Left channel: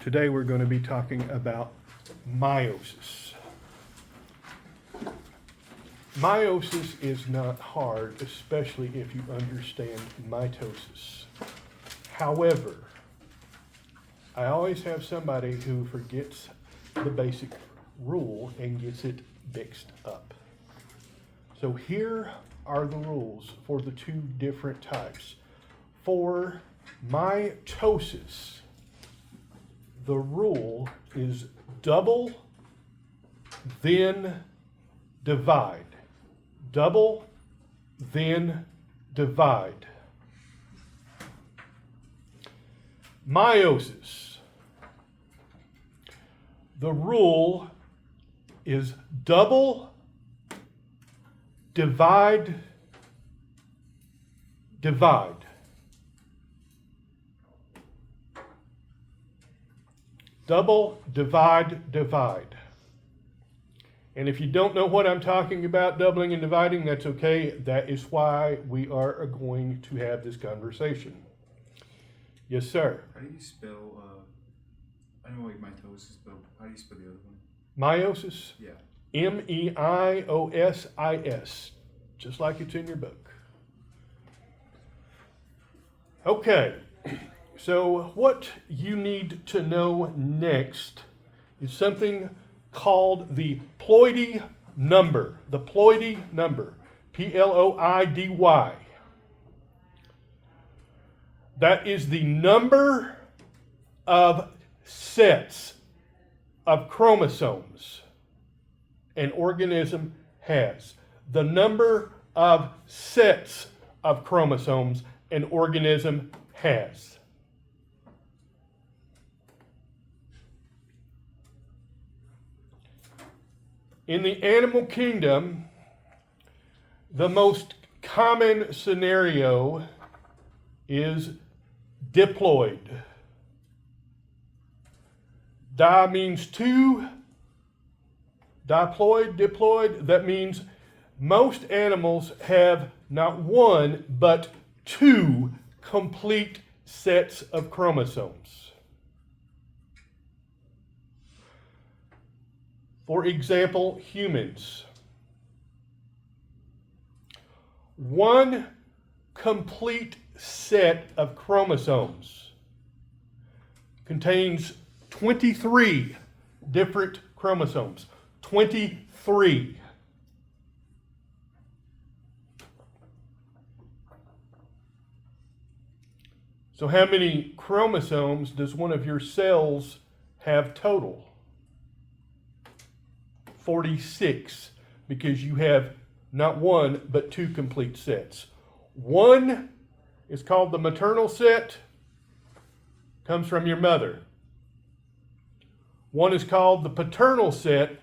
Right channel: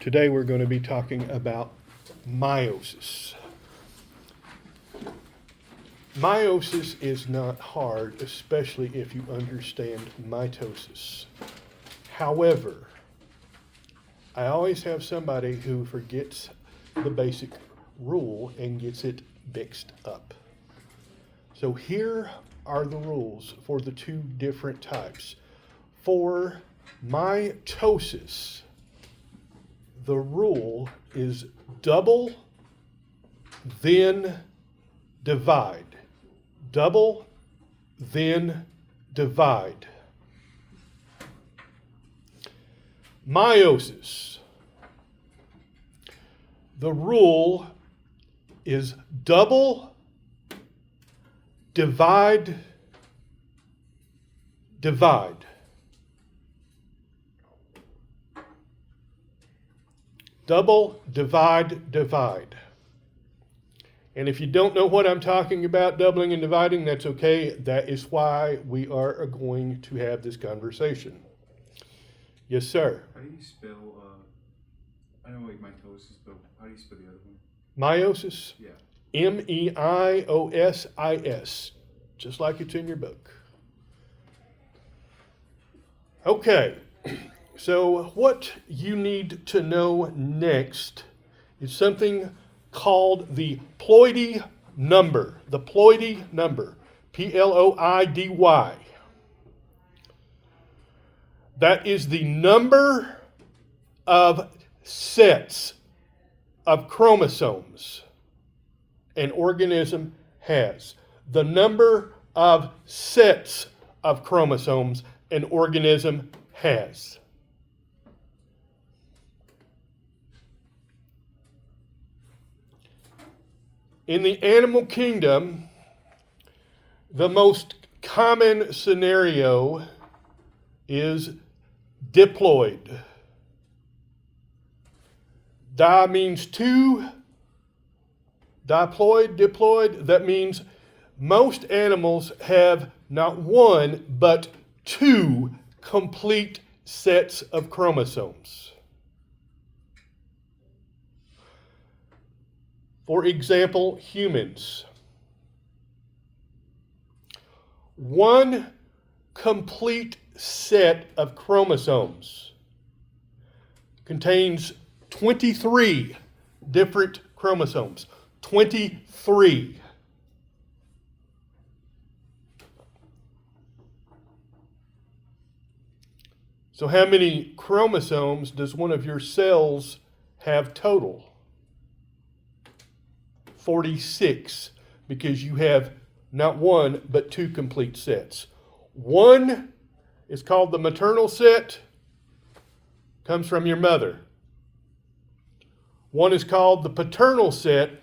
Today we're going to be talking about meiosis. Meiosis is not hard, especially if you understand mitosis. However, I always have somebody who forgets the basic rule and gets it mixed up. So here are the rules for the two different types. For mitosis, the rule is double, then divide. Double, then divide. Meiosis, the rule is double, divide, divide. Double, divide, divide. And if you don't know what I'm talking about, doubling and dividing, that's okay. That is why we are going to have this conversation. Yes, sir. How do you spell, I know like mitosis, but how do you spell the other one? Meiosis? Yeah. Meiosis, just like it's in your book. Okay, so what you need to know next is something called the Ploidy number. The Ploidy number, Ploidy. That is the number of sets of chromosomes an organism has. The number of sets of chromosomes an organism has. In the animal kingdom, the most common scenario is diploid. Di means two. Diploid, diploid, that means most animals have not one, but two complete sets of chromosomes. For example, humans. One complete set of chromosomes contains 23 different chromosomes. 23. So how many chromosomes does one of your cells have total? 46, because you have not one, but two complete sets. One is called the maternal set, comes from your mother. One is called the paternal set,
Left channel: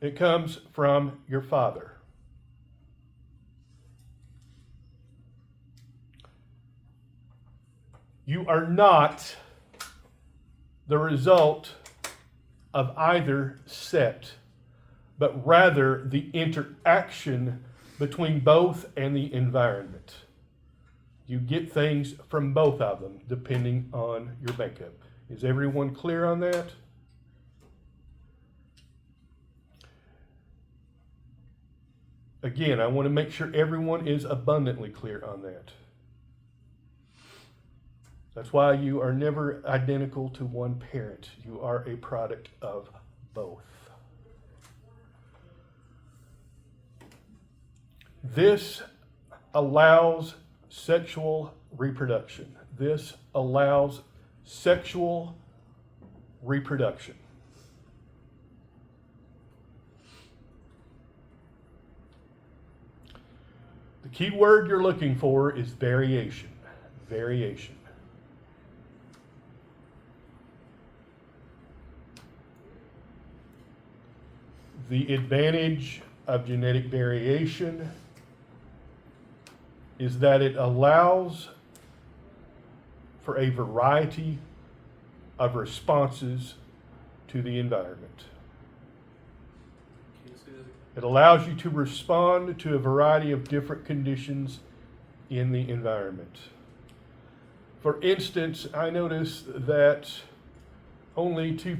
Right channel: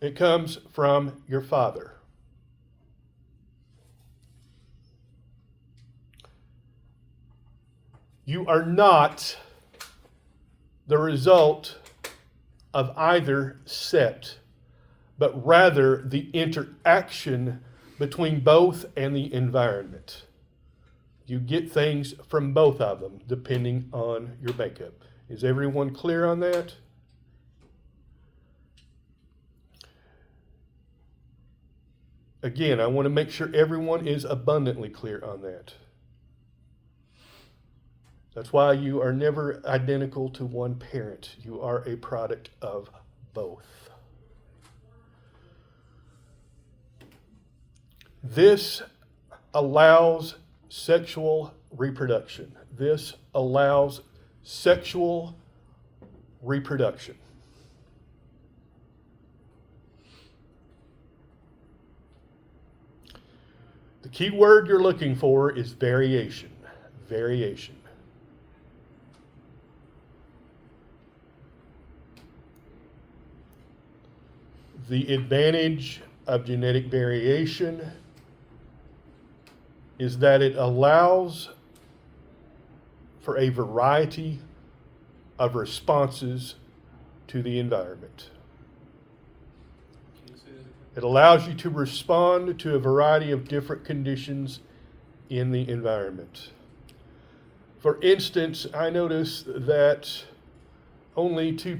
it comes from your father. You are not the result of either set, but rather the interaction between both and the environment. You get things from both of them depending on your makeup. Is everyone clear on that? Again, I want to make sure everyone is abundantly clear on that. That's why you are never identical to one parent. You are a product of both. This allows sexual reproduction. This allows sexual reproduction. The key word you're looking for is variation. Variation. The advantage of genetic variation is that it allows for a variety of responses to the environment. It allows you to respond to a variety of different conditions in the environment. For instance, I noticed that only 3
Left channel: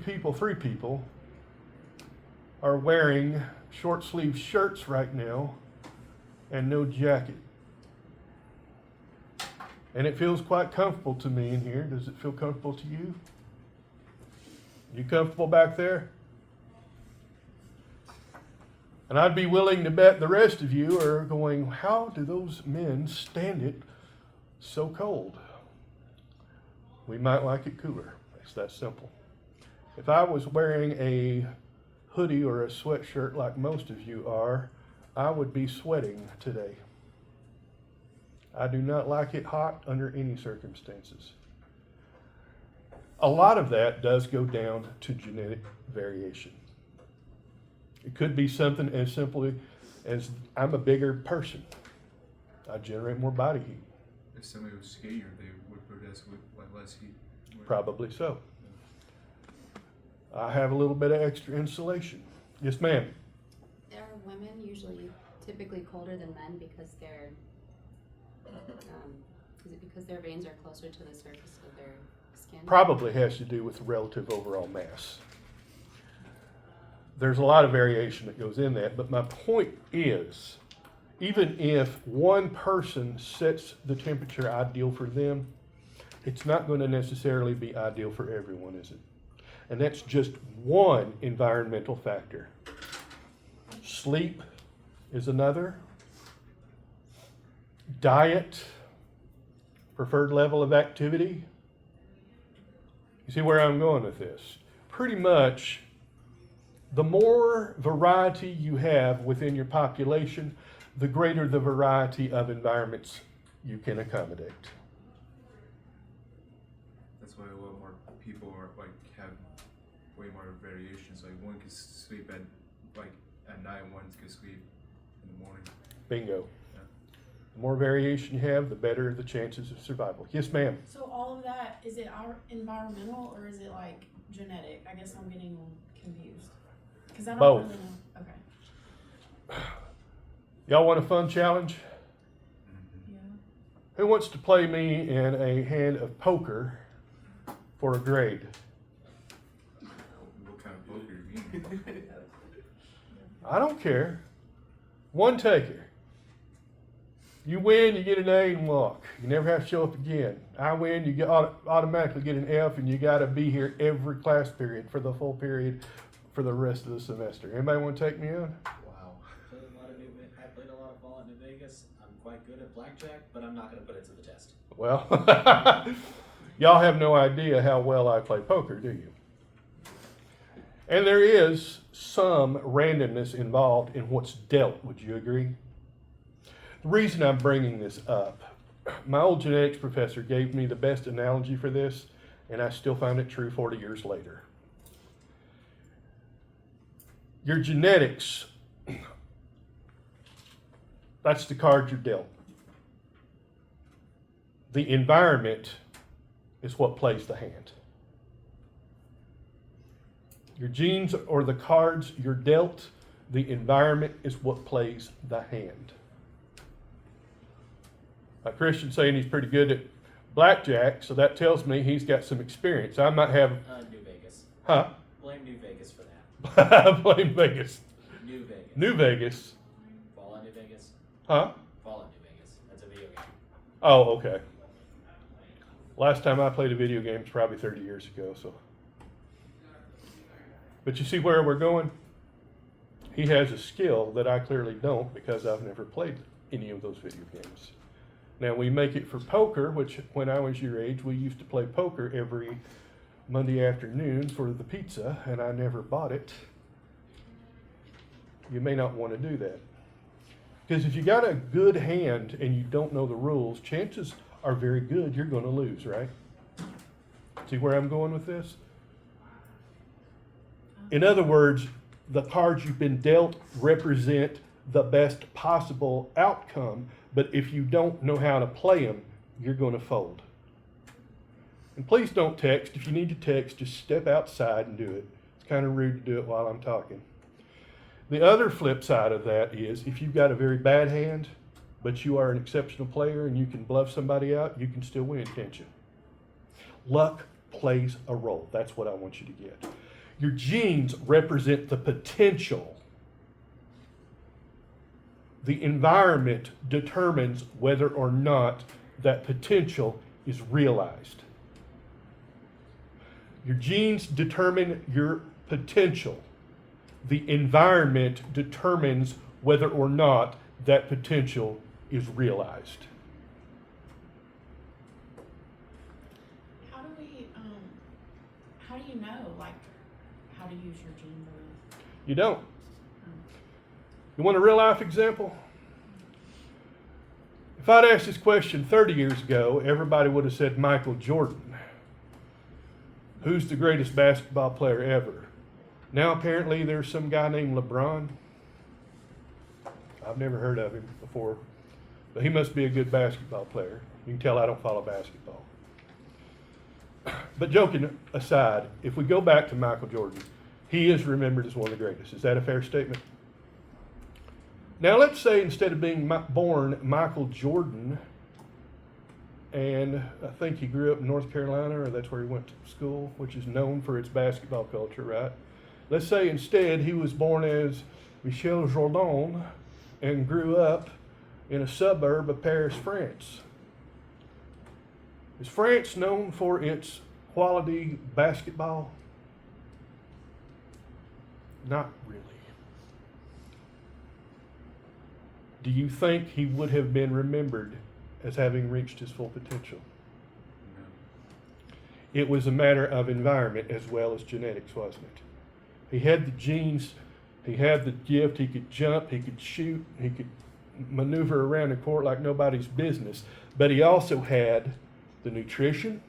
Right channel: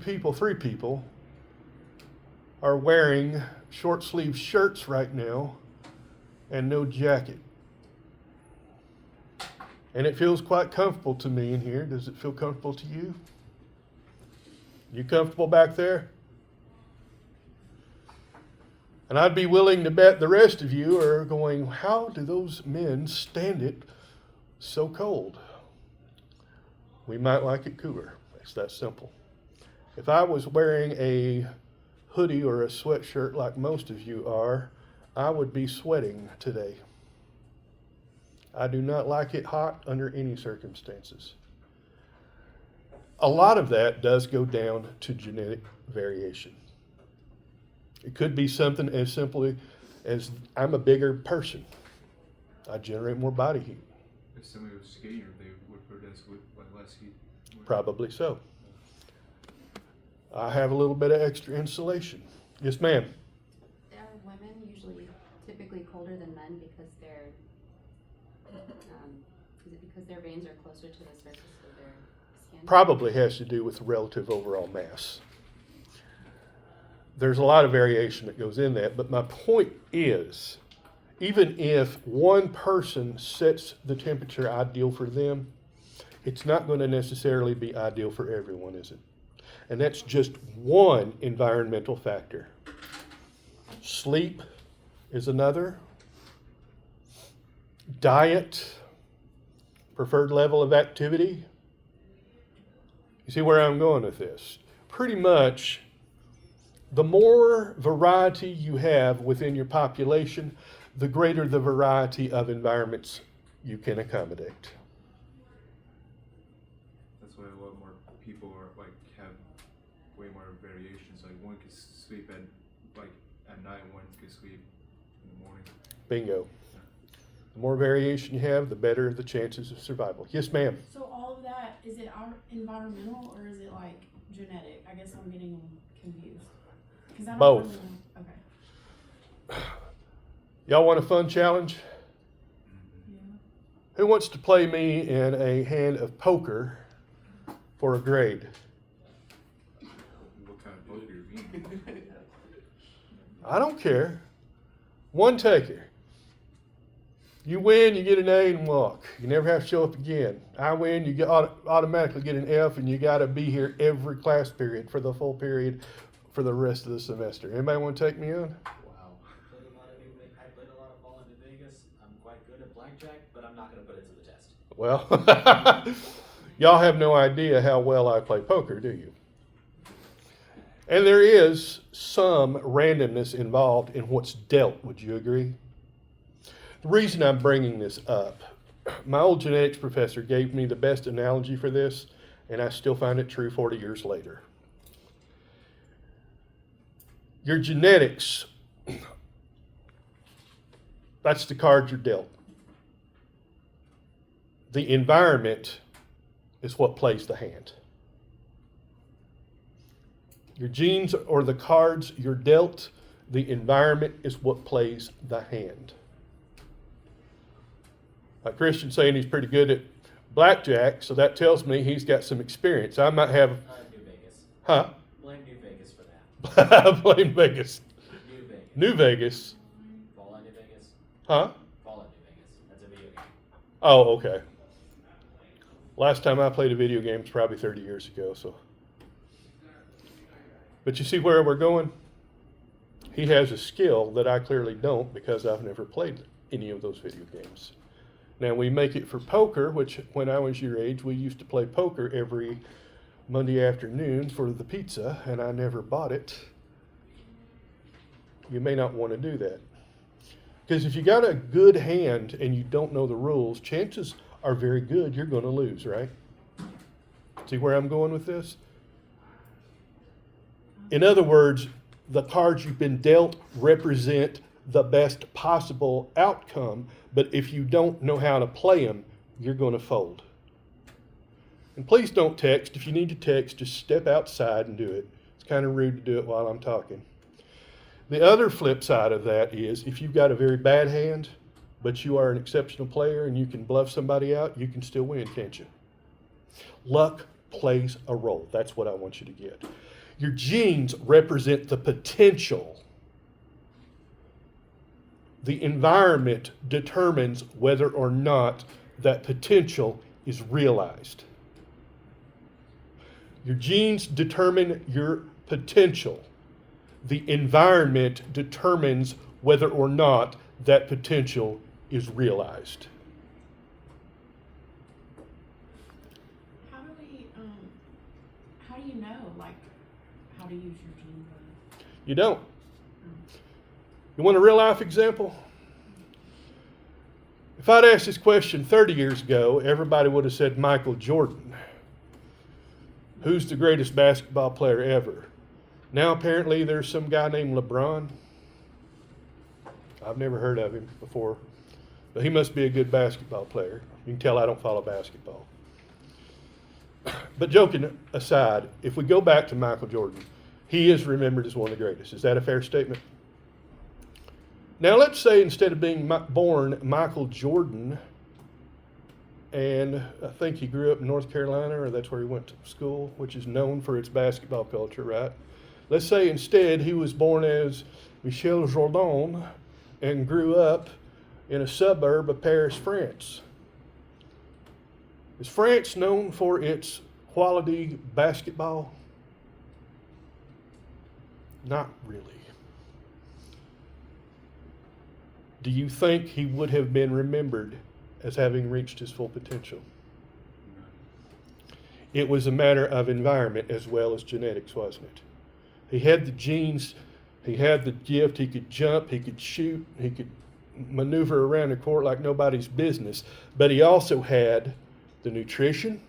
people are wearing short sleeve shirts right now and no jacket. And it feels quite comfortable to me in here. Does it feel comfortable to you? You comfortable back there? And I'd be willing to bet the rest of you are going, how do those men stand it so cold? We might like it cooler. It's that simple. If I was wearing a hoodie or a sweatshirt like most of you are, I would be sweating today. I do not like it hot under any circumstances. A lot of that does go down to genetic variation. It could be something as simply as I'm a bigger person. I generate more body heat. If somebody was skinnier, they would produce with less heat. Probably so. I have a little bit of extra insulation. Yes, ma'am. Are women usually typically colder than men because they're, is it because their veins are closer to the surface of their skin? Probably has to do with relative overall mass. There's a lot of variation that goes in that, but my point is, even if one person sets the temperature ideal for them, it's not going to necessarily be ideal for everyone, is it? And that's just one environmental factor. Sleep is another. Diet, preferred level of activity. You see where I'm going with this? Pretty much, the more variety you have within your population, the greater the variety of environments you can accommodate. That's why a lot more people are like have way more variations. Like one can sleep at night, one can sleep in the morning. Bingo. Yeah. The more variation you have, the better the chances of survival. Yes, ma'am. So all of that, is it our environmental or is it like genetic? I guess I'm getting confused. 'Cause I don't Both. really know. Okay. Y'all want a fun challenge? Yeah. Who wants to play me in a hand of poker for a grade? What kind of poker you mean? I don't care. One taker. You win, you get an A and walk. You never have to show up again. I win, you get automatically get an F, and you got to be here every class period for the full period for the rest of the semester. Anybody want to take me on? Wow. I played a lot of ball in New Vegas. I'm quite good at blackjack, but I'm not going to put it to the test. Well, y'all have no idea how well I play poker, do you? And there is some randomness involved in what's dealt. Would you agree? The reason I'm bringing this up, my old genetics professor gave me the best analogy for this, and I still find it true 40 years later. Your genetics, that's the card you're dealt. The environment is what plays the hand. Your genes are the cards you're dealt. The environment is what plays the hand. Now, Christian's saying he's pretty good at blackjack, so that tells me he's got some experience. I might have, New Vegas. huh? Blame New Vegas for that. Blame Vegas. New Vegas. New Vegas. Fall on New Vegas. Huh? Fall on New Vegas. That's a video game. Oh, okay. Last time I played a video game was probably 30 years ago, so. But you see where we're going? He has a skill that I clearly don't because I've never played any of those video games. Now we make it for poker, which when I was your age, we used to play poker every Monday afternoon for the pizza, and I never bought it. You may not want to do that. Because if you got a good hand and you don't know the rules, chances are very good you're going to lose, right? See where I'm going with this? In other words, the cards you've been dealt represent the best possible outcome, but if you don't know how to play them, you're going to fold. And please don't text. If you need to text, just step outside and do it. It's kind of rude to do it while I'm talking. The other flip side of that is if you've got a very bad hand, but you are an exceptional player and you can bluff somebody out, you can still win, can't you? Luck plays a role. That's what I want you to get. Your genes represent the potential. The environment determines whether or not that potential is realized. Your genes determine your potential. The environment determines whether or not that potential is realized. How do we, how do you know, like, how to use your genes? You don't. You want a real life example? If I'd asked this question 30 years ago, everybody would have said Michael Jordan. Who's the greatest basketball player ever? Now apparently there's some guy named LeBron. I've never heard of him before, but he must be a good basketball player. You can tell I don't follow basketball. But joking aside, if we go back to Michael Jordan, he is remembered as one of the greatest. Is that a fair statement? Now let's say instead of being born Michael Jordan, and I think he grew up in North Carolina, or that's where he went to school, which is known for its basketball culture, right? Let's say instead he was born as Michel Jordan and grew up in a suburb of Paris, France. Is France known for its quality basketball? Not really. Do you think he would have been remembered as having reached his full potential? No. It was a matter of environment as well as genetics, wasn't it? He had the genes, he had the gift, he could jump, he could shoot, he could maneuver around the court like nobody's business, but he also had the nutrition,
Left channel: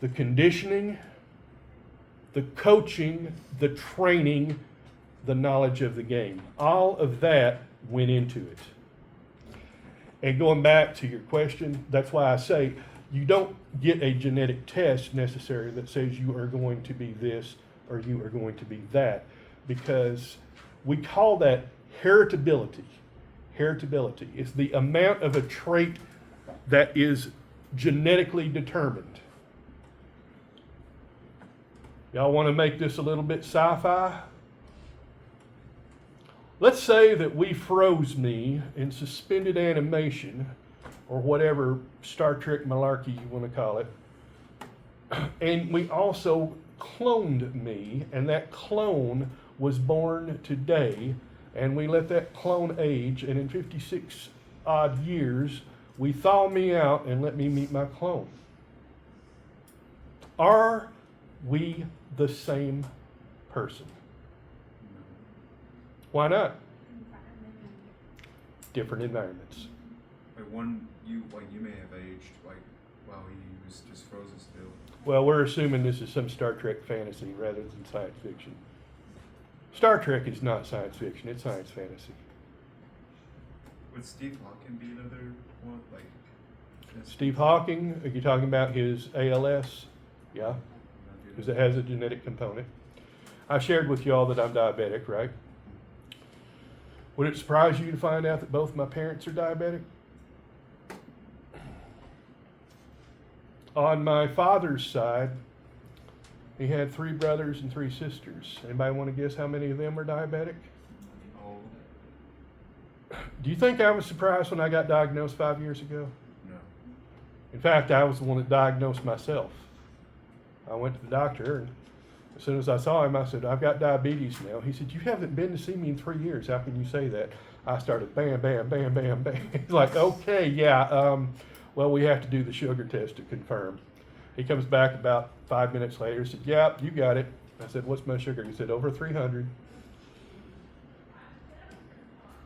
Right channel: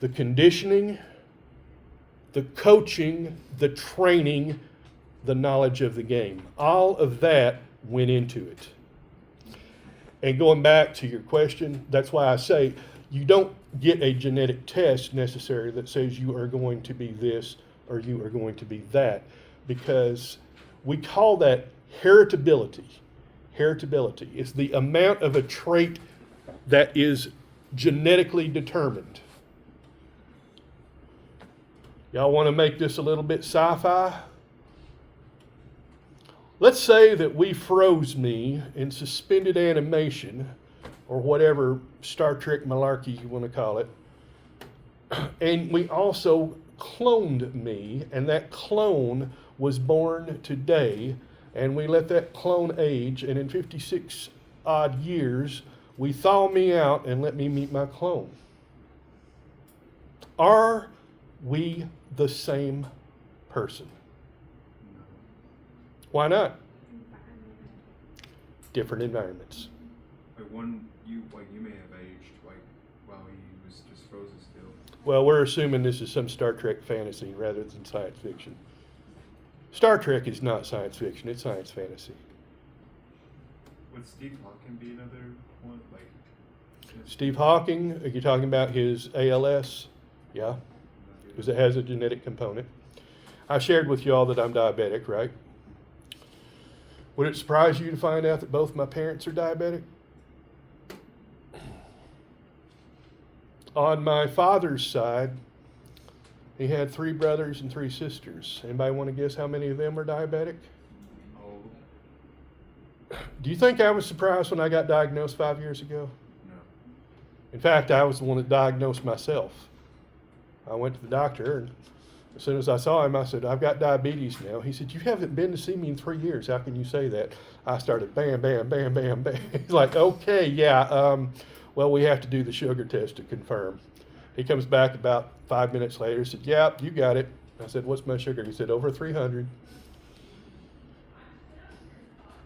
the conditioning, the coaching, the training, the knowledge of the game. All of that went into it. And going back to your question, that's why I say you don't get a genetic test necessarily that says you are going to be this or you are going to be that, because we call that heritability. Heritability is the amount of a trait that is genetically determined. Y'all want to make this a little bit sci-fi? Let's say that we froze me in suspended animation, or whatever Star Trek malarkey you want to call it, and we also cloned me, and that clone was born today, and we let that clone age, and in 56 odd years, we thaw me out and let me meet my clone. Are we the same person? No. Why not? Different environments. Like you may have aged while he was just frozen still. Well, we're assuming this is some Star Trek fantasy rather than science fiction. Star Trek is not science fiction, it's science fantasy. Would Steve Hawking be another one? Steve Hawking, are you talking about his ALS? Yeah, because it has a genetic component. I shared with you all that I'm diabetic, right? Would it surprise you to find out that both my parents are diabetic? On my father's side, he had 3 brothers and 3 sisters. Anybody want to guess how many of them were diabetic? Oh, Do you think I was surprised when I got diagnosed 5 years ago? no. In fact, I was the one that diagnosed myself. I went to the doctor, and as soon as I saw him, I said, I've got diabetes now. He said, you haven't been to see me in 3 years. How can you say that? I started bam, bam, bam, bam, bam. He's like, okay, yeah, well, we have to do the sugar test to confirm. He comes back about 5 minutes later, said, yeah, you got it. I said, what's my sugar? He said, over 300.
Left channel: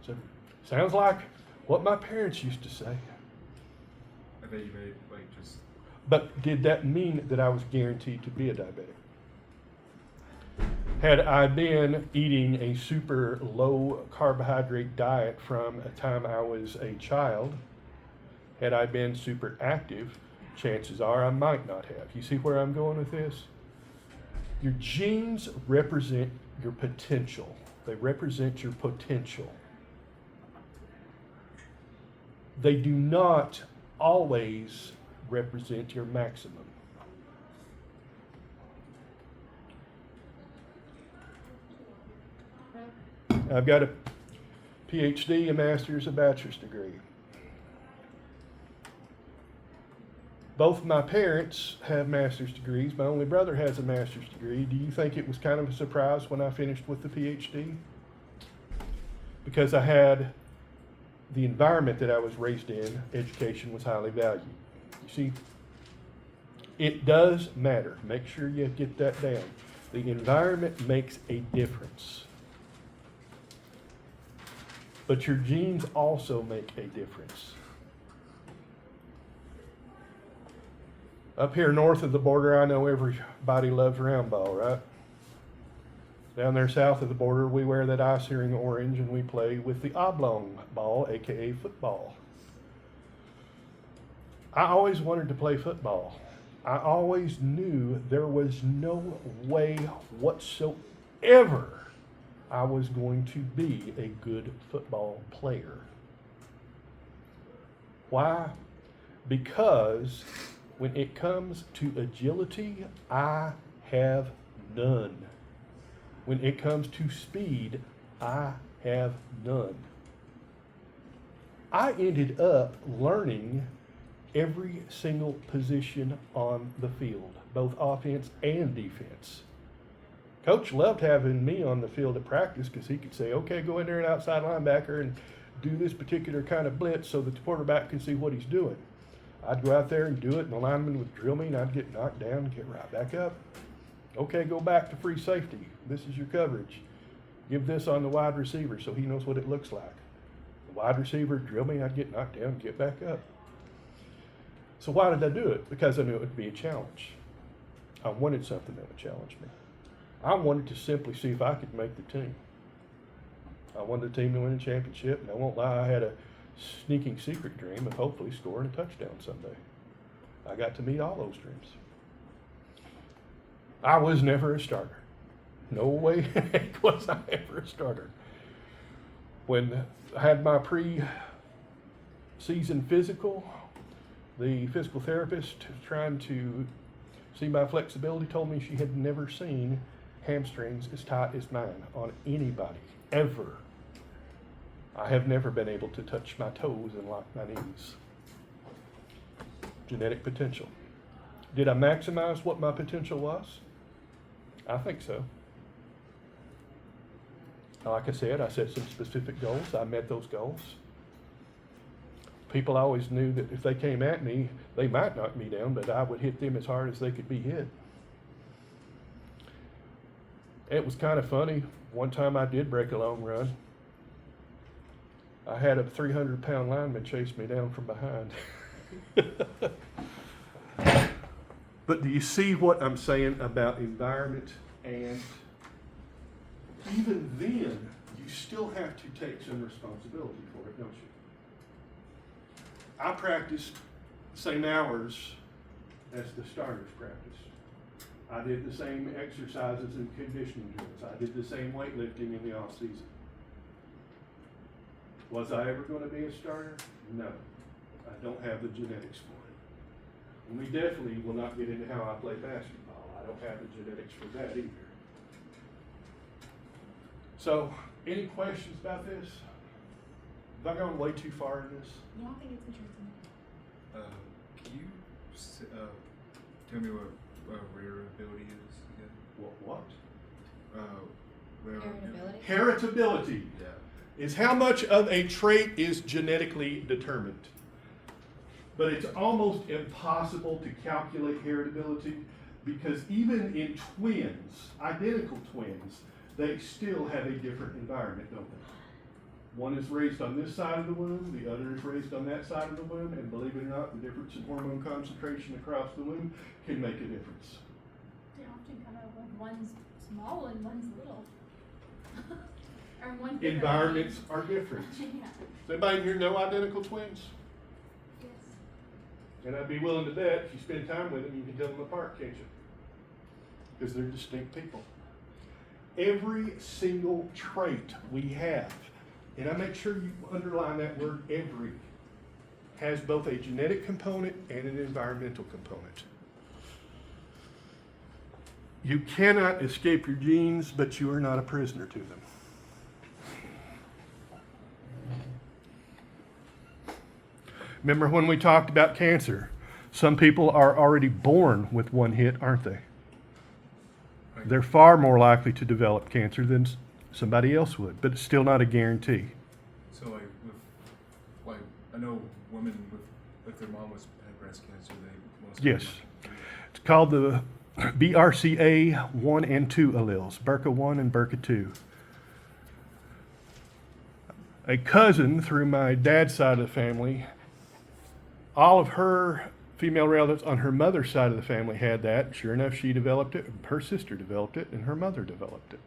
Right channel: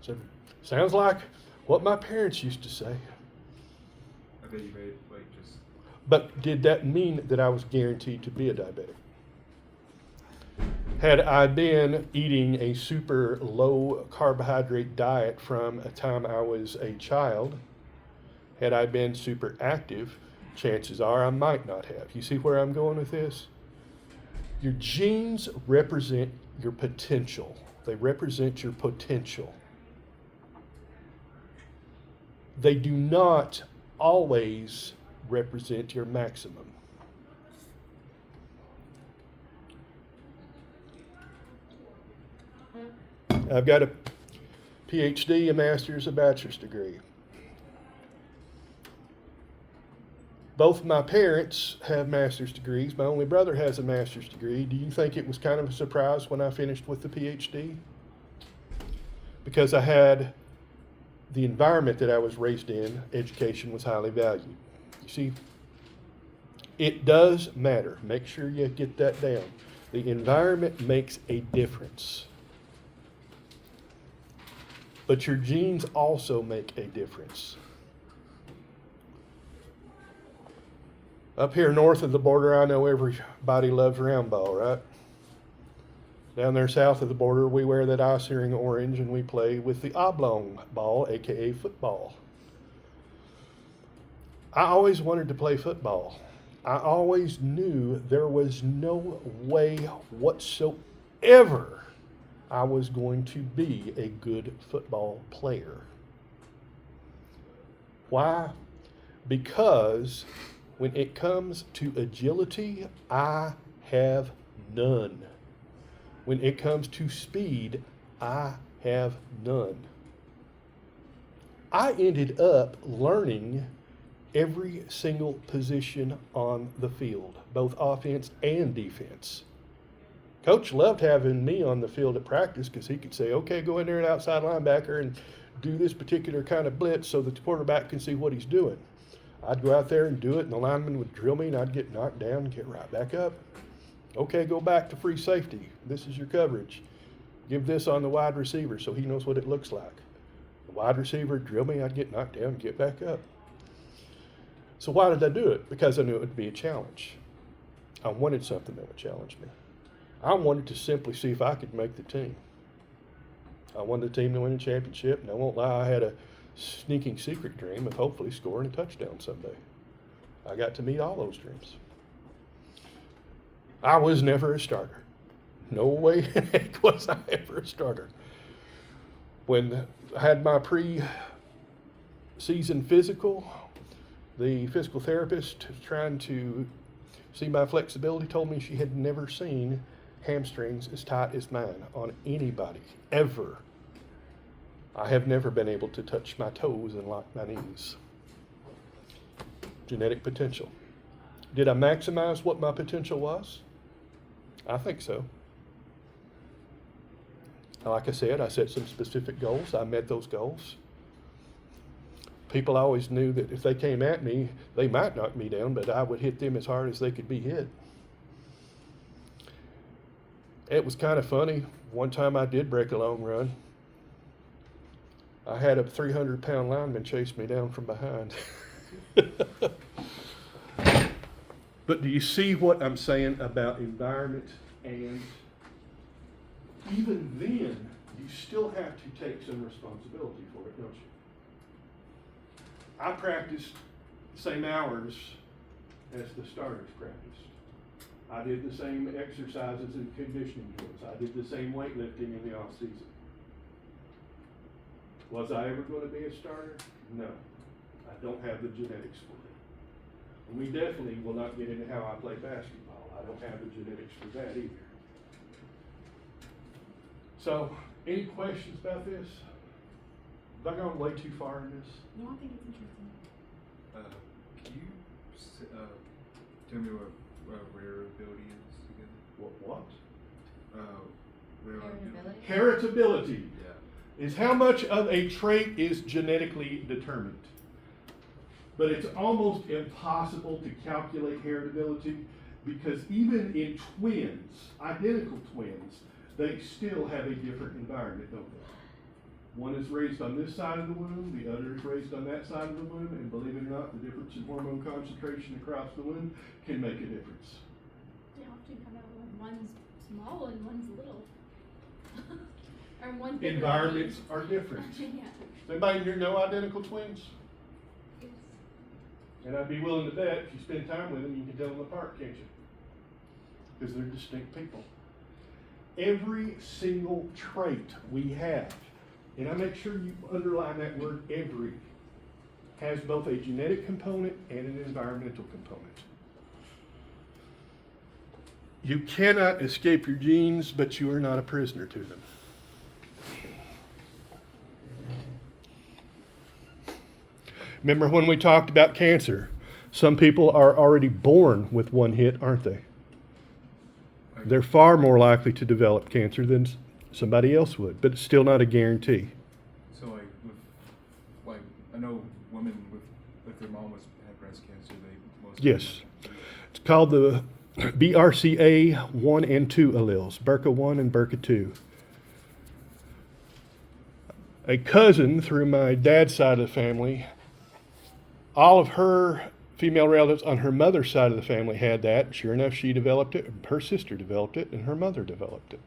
I said, sounds like what my parents used to say. I bet you made just. But did that mean that I was guaranteed to be a diabetic? Had I been eating a super low carbohydrate diet from a time I was a child, had I been super active, chances are I might not have. You see where I'm going with this? Your genes represent your potential. They represent your potential. They do not always represent your maximum. I've got a PhD, a master's, a bachelor's degree. Both my parents have master's degrees. My only brother has a master's degree. Do you think it was kind of a surprise when I finished with the PhD? Because I had the environment that I was raised in, education was highly valued. You see, it does matter. Make sure you get that down. The environment makes a difference. But your genes also make a difference. Up here north of the border, I know everybody loves round ball, right? Down there south of the border, we wear that eye-searing orange and we play with the oblong ball, aka football. I always wanted to play football. I always knew there was no way whatsoever I was going to be a good football player. Why? Because when it comes to agility, I have none. When it comes to speed, I have none. I ended up learning every single position on the field, both offense and defense. Coach loved having me on the field at practice because he could say, okay, go in there at outside linebacker and do this particular kind of blitz so that the quarterback can see what he's doing. I'd go out there and do it, and the lineman would drill me, and I'd get knocked down and get right back up. Okay, go back to free safety. This is your coverage. Give this on the wide receiver so he knows what it looks like. The wide receiver would drill me, I'd get knocked down and get back up. So why did I do it? Because I knew it would be a challenge. I wanted something that would challenge me. I wanted to simply see if I could make the team. I wanted the team to win a championship, and I won't lie, I had a sneaking secret dream of hopefully scoring a touchdown someday. I got to meet all those dreams. I was never a starter. No way in heck was I ever a starter. When I had my pre-season physical, the physical therapist trying to see my flexibility told me she had never seen hamstrings as tight as mine on anybody, ever. I have never been able to touch my toes and lock my knees. Genetic potential. Did I maximize what my potential was? I think so. Like I said, I set some specific goals. I met those goals. People always knew that if they came at me, they might knock me down, but I would hit them as hard as they could be hit. It was kind of funny. One time I did break a long run. I had a 300-pound lineman chase me down from behind. But do you see what I'm saying about environment? And even then, you still have to take some responsibility for it, don't you? I practiced the same hours as the starters practiced. I did the same exercises and conditioning drills. I did the same weightlifting in the off season. Was I ever going to be a starter? No. I don't have the genetics for it. And we definitely will not get into how I play basketball. I don't have the genetics for that either. So, any questions about this? Have I gone way too far in this? No, I think it's interesting. Can you tell me what variability is again? What? Variability. Heritability Yeah. is how much of a trait is genetically determined. But it's almost impossible to calculate heritability because even in twins, identical twins, they still have a different environment, don't they? One is raised on this side of the womb, the other is raised on that side of the womb, and believe it or not, the difference in hormone concentration across the womb can make a difference. They often come out when one's small and one's little. Or one's bigger. Environments are different. Yeah. Does anybody here know identical twins? Yes. And I'd be willing to bet if you spend time with them, you can tell them apart, can't you? Because they're distinct people. Every single trait we have, and I make sure you underline that word every, has both a genetic component and an environmental component. You cannot escape your genes, but you are not a prisoner to them. Remember when we talked about cancer? Some people are already born with one hit, aren't they? They're far more likely to develop cancer than somebody else would, but it's still not a guarantee. So like with, like I know women with, if their mom had breast cancer, they most Yes. It's called the BRCA1 and 2 alleles, BRCA1 and BRCA2. A cousin through my dad's side of the family, all of her female relatives on her mother's side of the family had that. Sure enough, she developed it, her sister developed it, and her mother developed it.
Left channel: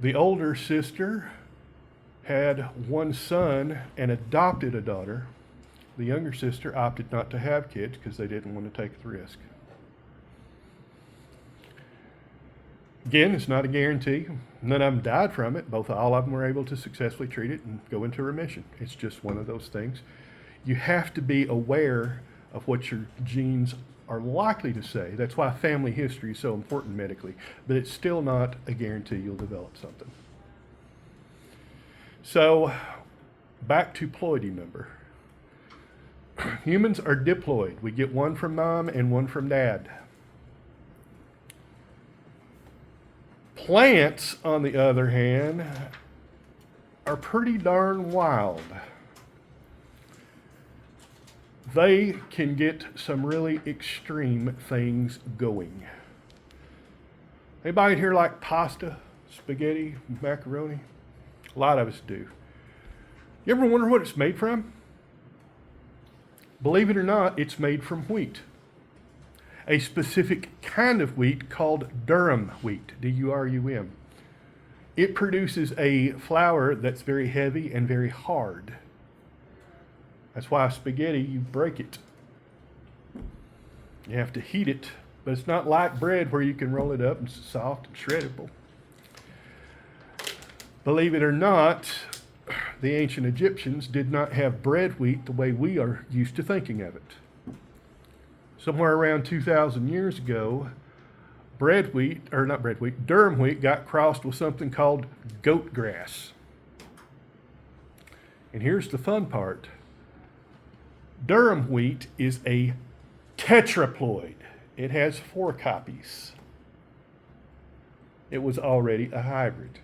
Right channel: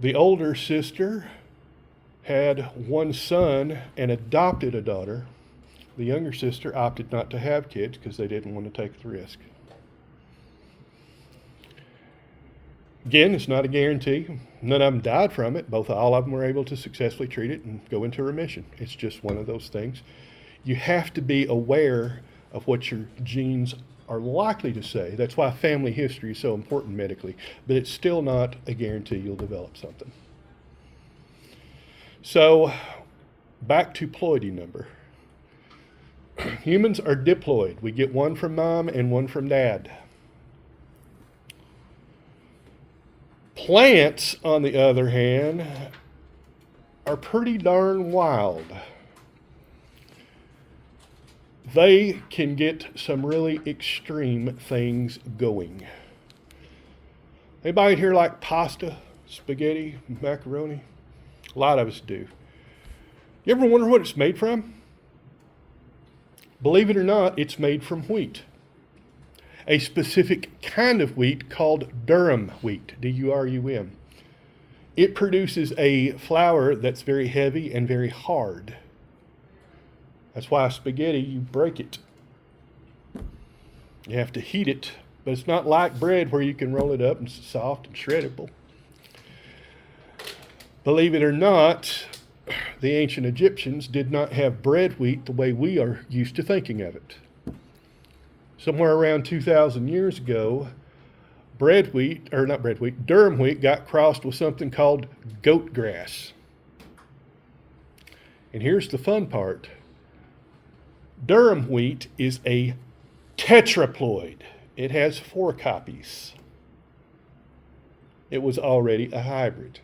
The older sister had one son and adopted a daughter. The younger sister opted not to have kids because they didn't want to take the risk. Again, it's not a guarantee. None of them died from it. All of them were able to successfully treat it and go into remission. It's just one of those things. You have to be aware of what your genes are likely to say. That's why family history is so important medically. But it's still not a guarantee you'll develop something. So, back to ploidy number. Humans are diploid. We get one from mom and one from dad. Plants, on the other hand, are pretty darn wild. They can get some really extreme things going. Anybody here like pasta, spaghetti, macaroni? A lot of us do. You ever wonder what it's made from? Believe it or not, it's made from wheat. A specific kind of wheat called durum wheat, D-U-R-U-M. It produces a flour that's very heavy and very hard. That's why spaghetti, you break it. You have to heat it, but it's not like bread where you can roll it up and it's soft and shreddable. Believe it or not, the ancient Egyptians did not have bread wheat the way we are used to thinking of it. Somewhere around 2,000 years ago, durum wheat got crossed with something called goat grass. And here's the fun part. Durum wheat is a tetraploid. It has 4 copies. It was already a hybrid.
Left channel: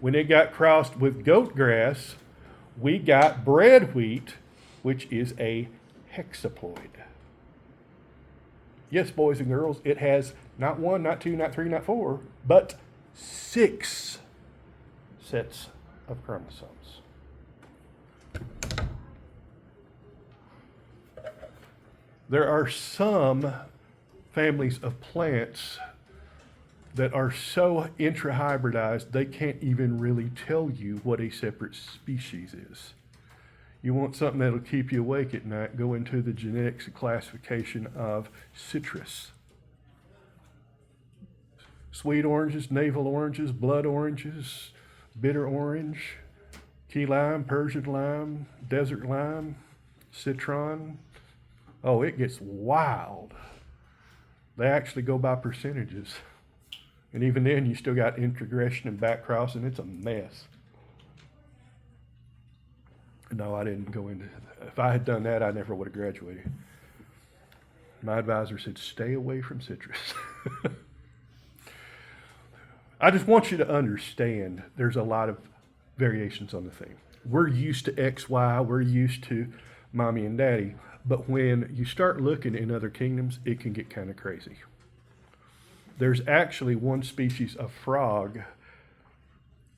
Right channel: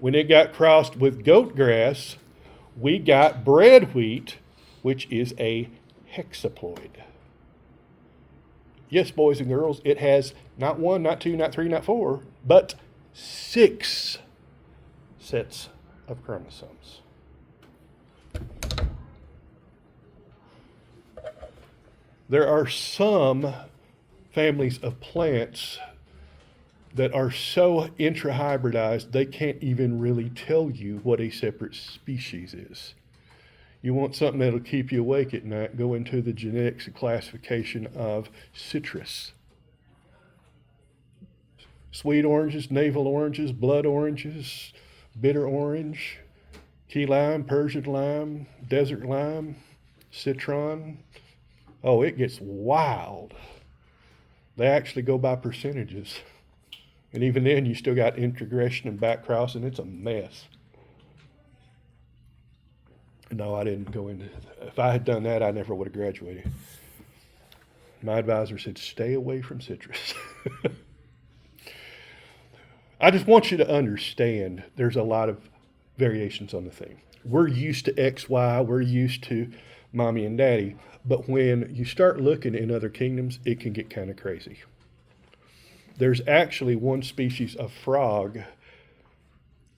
When it got crossed with goat grass, we got bread wheat, which is a hexaploid. Yes, boys and girls, it has not 1, not 2, not 3, not 4, but 6 sets of chromosomes. There are some families of plants that are so intrahybridized they can't even really tell you what a separate species is. You want something that'll keep you awake at night, go into the genetics and classification of citrus. Sweet oranges, navel oranges, blood oranges, bitter orange, key lime, Persian lime, desert lime, citron. Oh, it gets wild. They actually go by percentages. And even then, you still got introgression and back crossing. It's a mess. No, I didn't go into. If I had done that, I never would have graduated. My advisor said, stay away from citrus. I just want you to understand there's a lot of variations on the thing. We're used to X, Y, we're used to mommy and daddy. But when you start looking in other kingdoms, it can get kind of crazy. There's actually one species of frog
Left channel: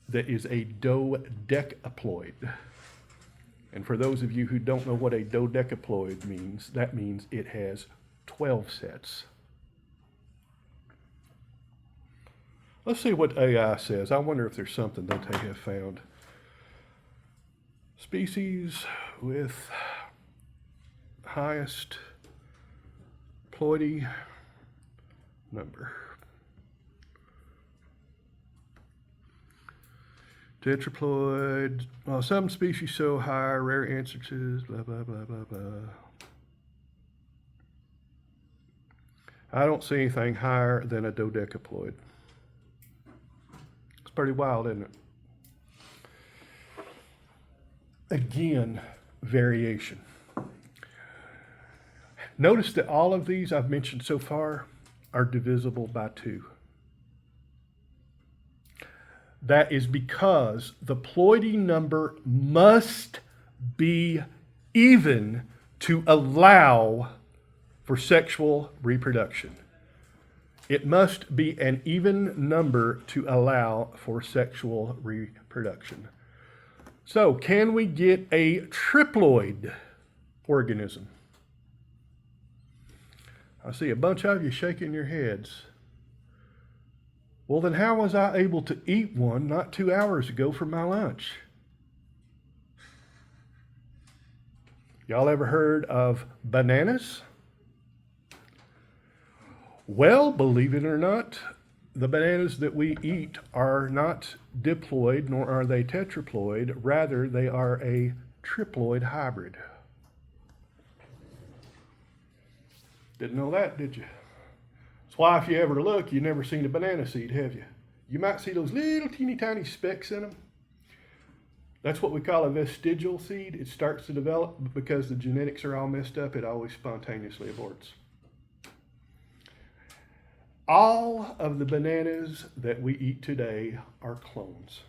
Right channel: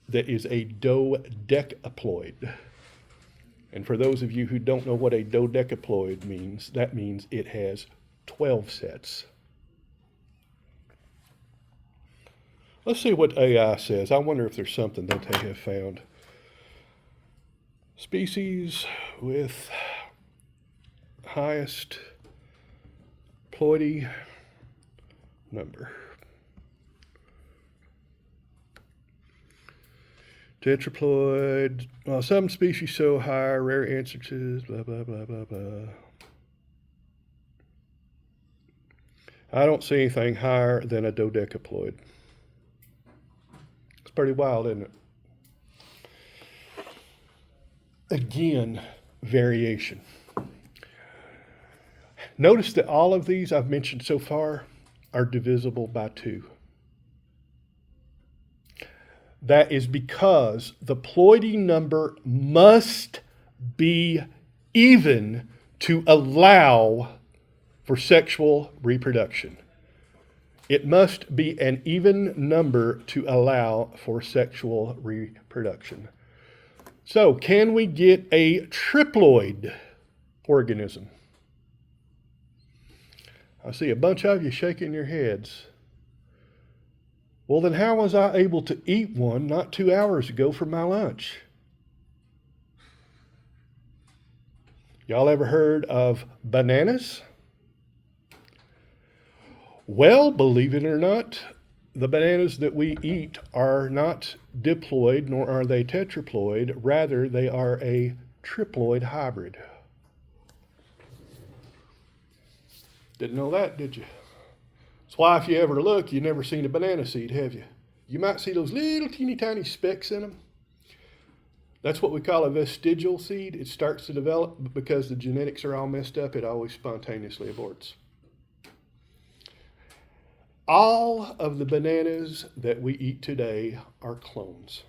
that is a dodecaploid. And for those of you who don't know what a dodecaploid means, that means it has 12 sets. Let's see what AI says. I wonder if there's something that they have found. Species with highest ploidy number. Tetraploid. Well, some species show higher rare instances, blah, blah, blah, blah, blah. I don't see anything higher than a dodecaploid. It's pretty wild, isn't it? again, variation. Notice that all of these I've mentioned so far are divisible by 2. That is because the ploidy number must be even to allow for sexual reproduction. It must be an even number to allow for sexual reproduction. So, can we get a triploid organism? I see a bunch of you shaking your heads. Well, then how was I able to eat one not 2 hours ago for my lunch? Y'all ever heard of bananas? Well, believe it or not, the bananas that we eat are not diploid, nor are they tetraploid. Rather, they are a triploid hybrid. Didn't know that, did you? That's why if you ever look, you've never seen a banana seed, have you? You might see those little teeny tiny specks in them. That's what we call a vestigial seed. It starts to develop, but because the genetics are all messed up, it always spontaneously aborts. All of the bananas that we eat today are clones.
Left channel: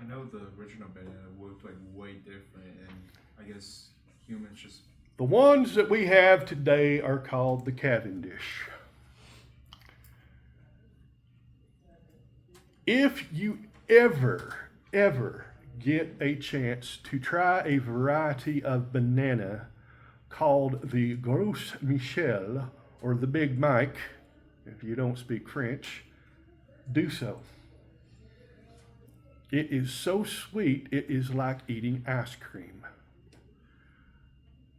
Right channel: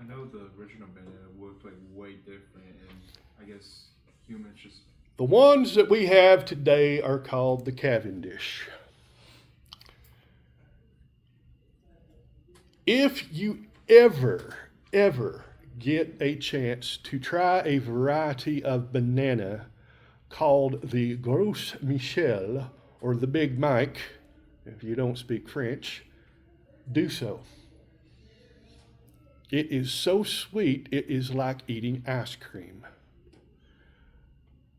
I know the original banana looked like way different, and I guess humans just. The ones that we have today are called the Cavendish. If you ever get a chance to try a variety of banana called the Gros Michel, or the Big Mike, if you don't speak French, do so. It is so sweet, it is like eating ice cream.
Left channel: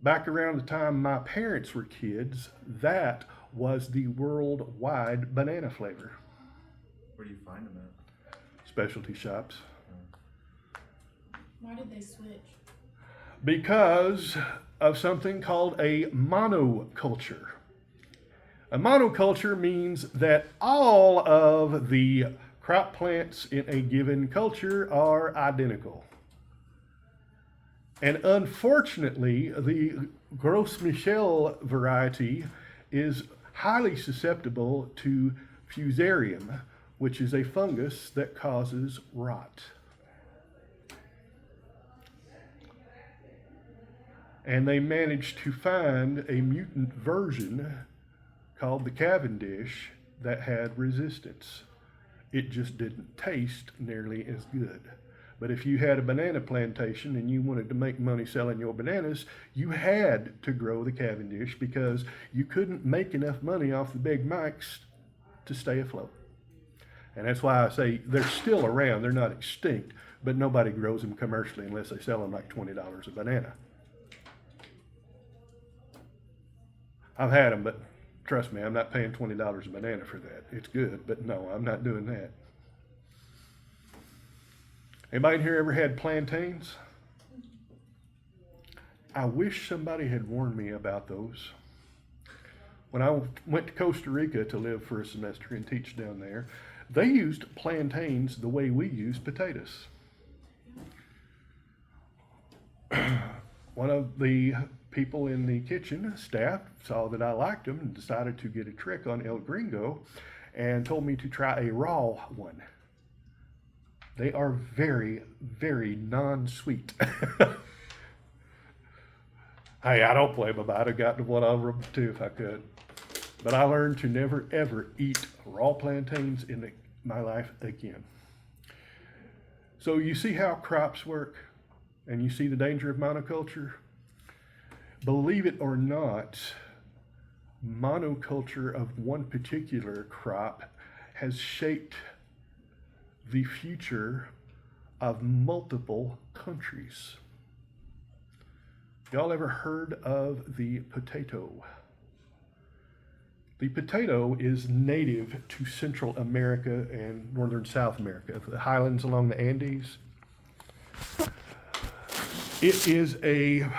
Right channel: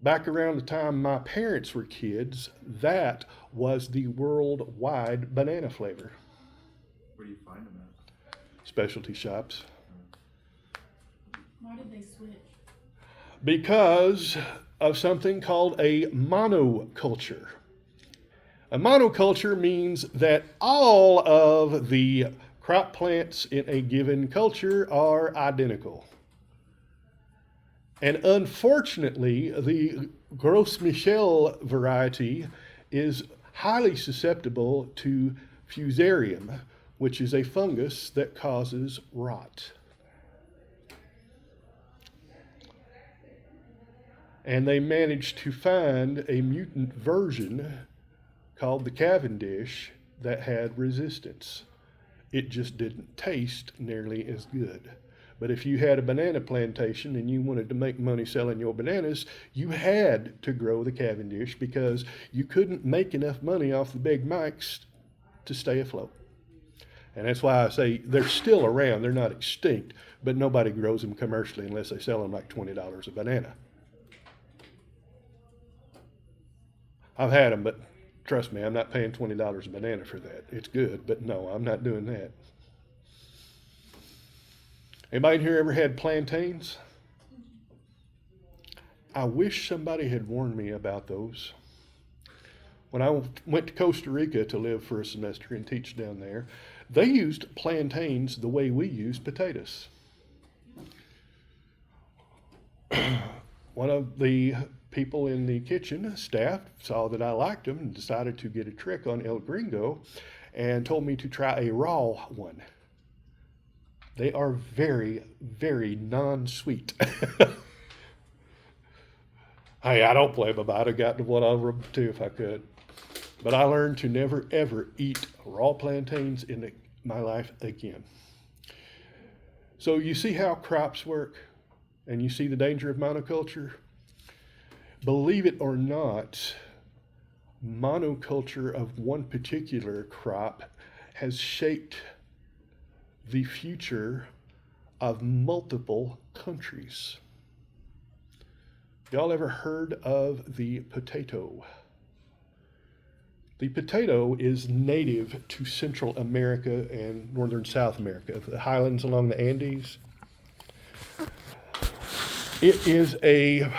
Back around the time my parents were kids, that was the worldwide banana flavor. Where do you find them at? Specialty shops. Why did they switch? Because of something called a monoculture. A monoculture means that all of the crop plants in a given culture are identical. And unfortunately, the Gros Michel variety is highly susceptible to fusarium, which is a fungus that causes rot. And they managed to find a mutant version called the Cavendish that had resistance. It just didn't taste nearly as good. But if you had a banana plantation and you wanted to make money selling your bananas, you had to grow the Cavendish because you couldn't make enough money off the Big Mics to stay afloat. And that's why I say they're still around. They're not extinct, but nobody grows them commercially unless they sell them like $20 a banana. I've had them, but trust me, I'm not paying $20 a banana for that. It's good, but no, I'm not doing that. Anybody in here ever had plantains? I wish somebody had warned me about those. When I went to Costa Rica to live for a semester and teach down there, they used plantains the way we use potatoes. One of the people in the kitchen staff saw that I liked them and decided to get a trick on El Gringo and told me to try a raw one. They are very, very non-sweet. Hey, I don't blame them. I'd have gotten one over them too if I could. But I learned to never, ever eat raw plantains in my life again. So you see how crops work, and you see the danger of monoculture? Believe it or not, monoculture of one particular crop has shaped the future of multiple countries. Y'all ever heard of the potato? The potato is native to Central America and Northern South America, the highlands along the Andes. It is a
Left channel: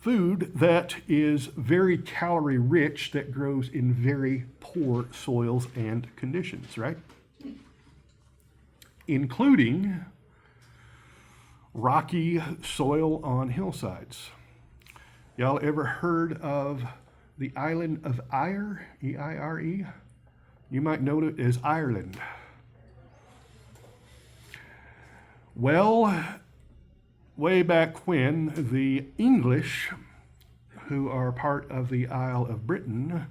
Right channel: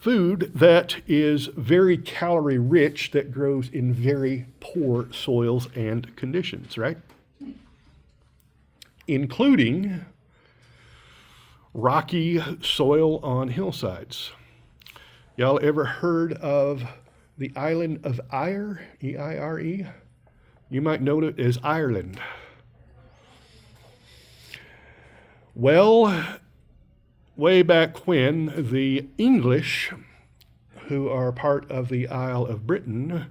food that is very calorie rich, that grows in very poor soils and conditions, right? Including rocky soil on hillsides. Y'all ever heard of the island of Eire? E-I-R-E? You might know it as Ireland. Well, way back when, the English, who are part of the Isle of Britain,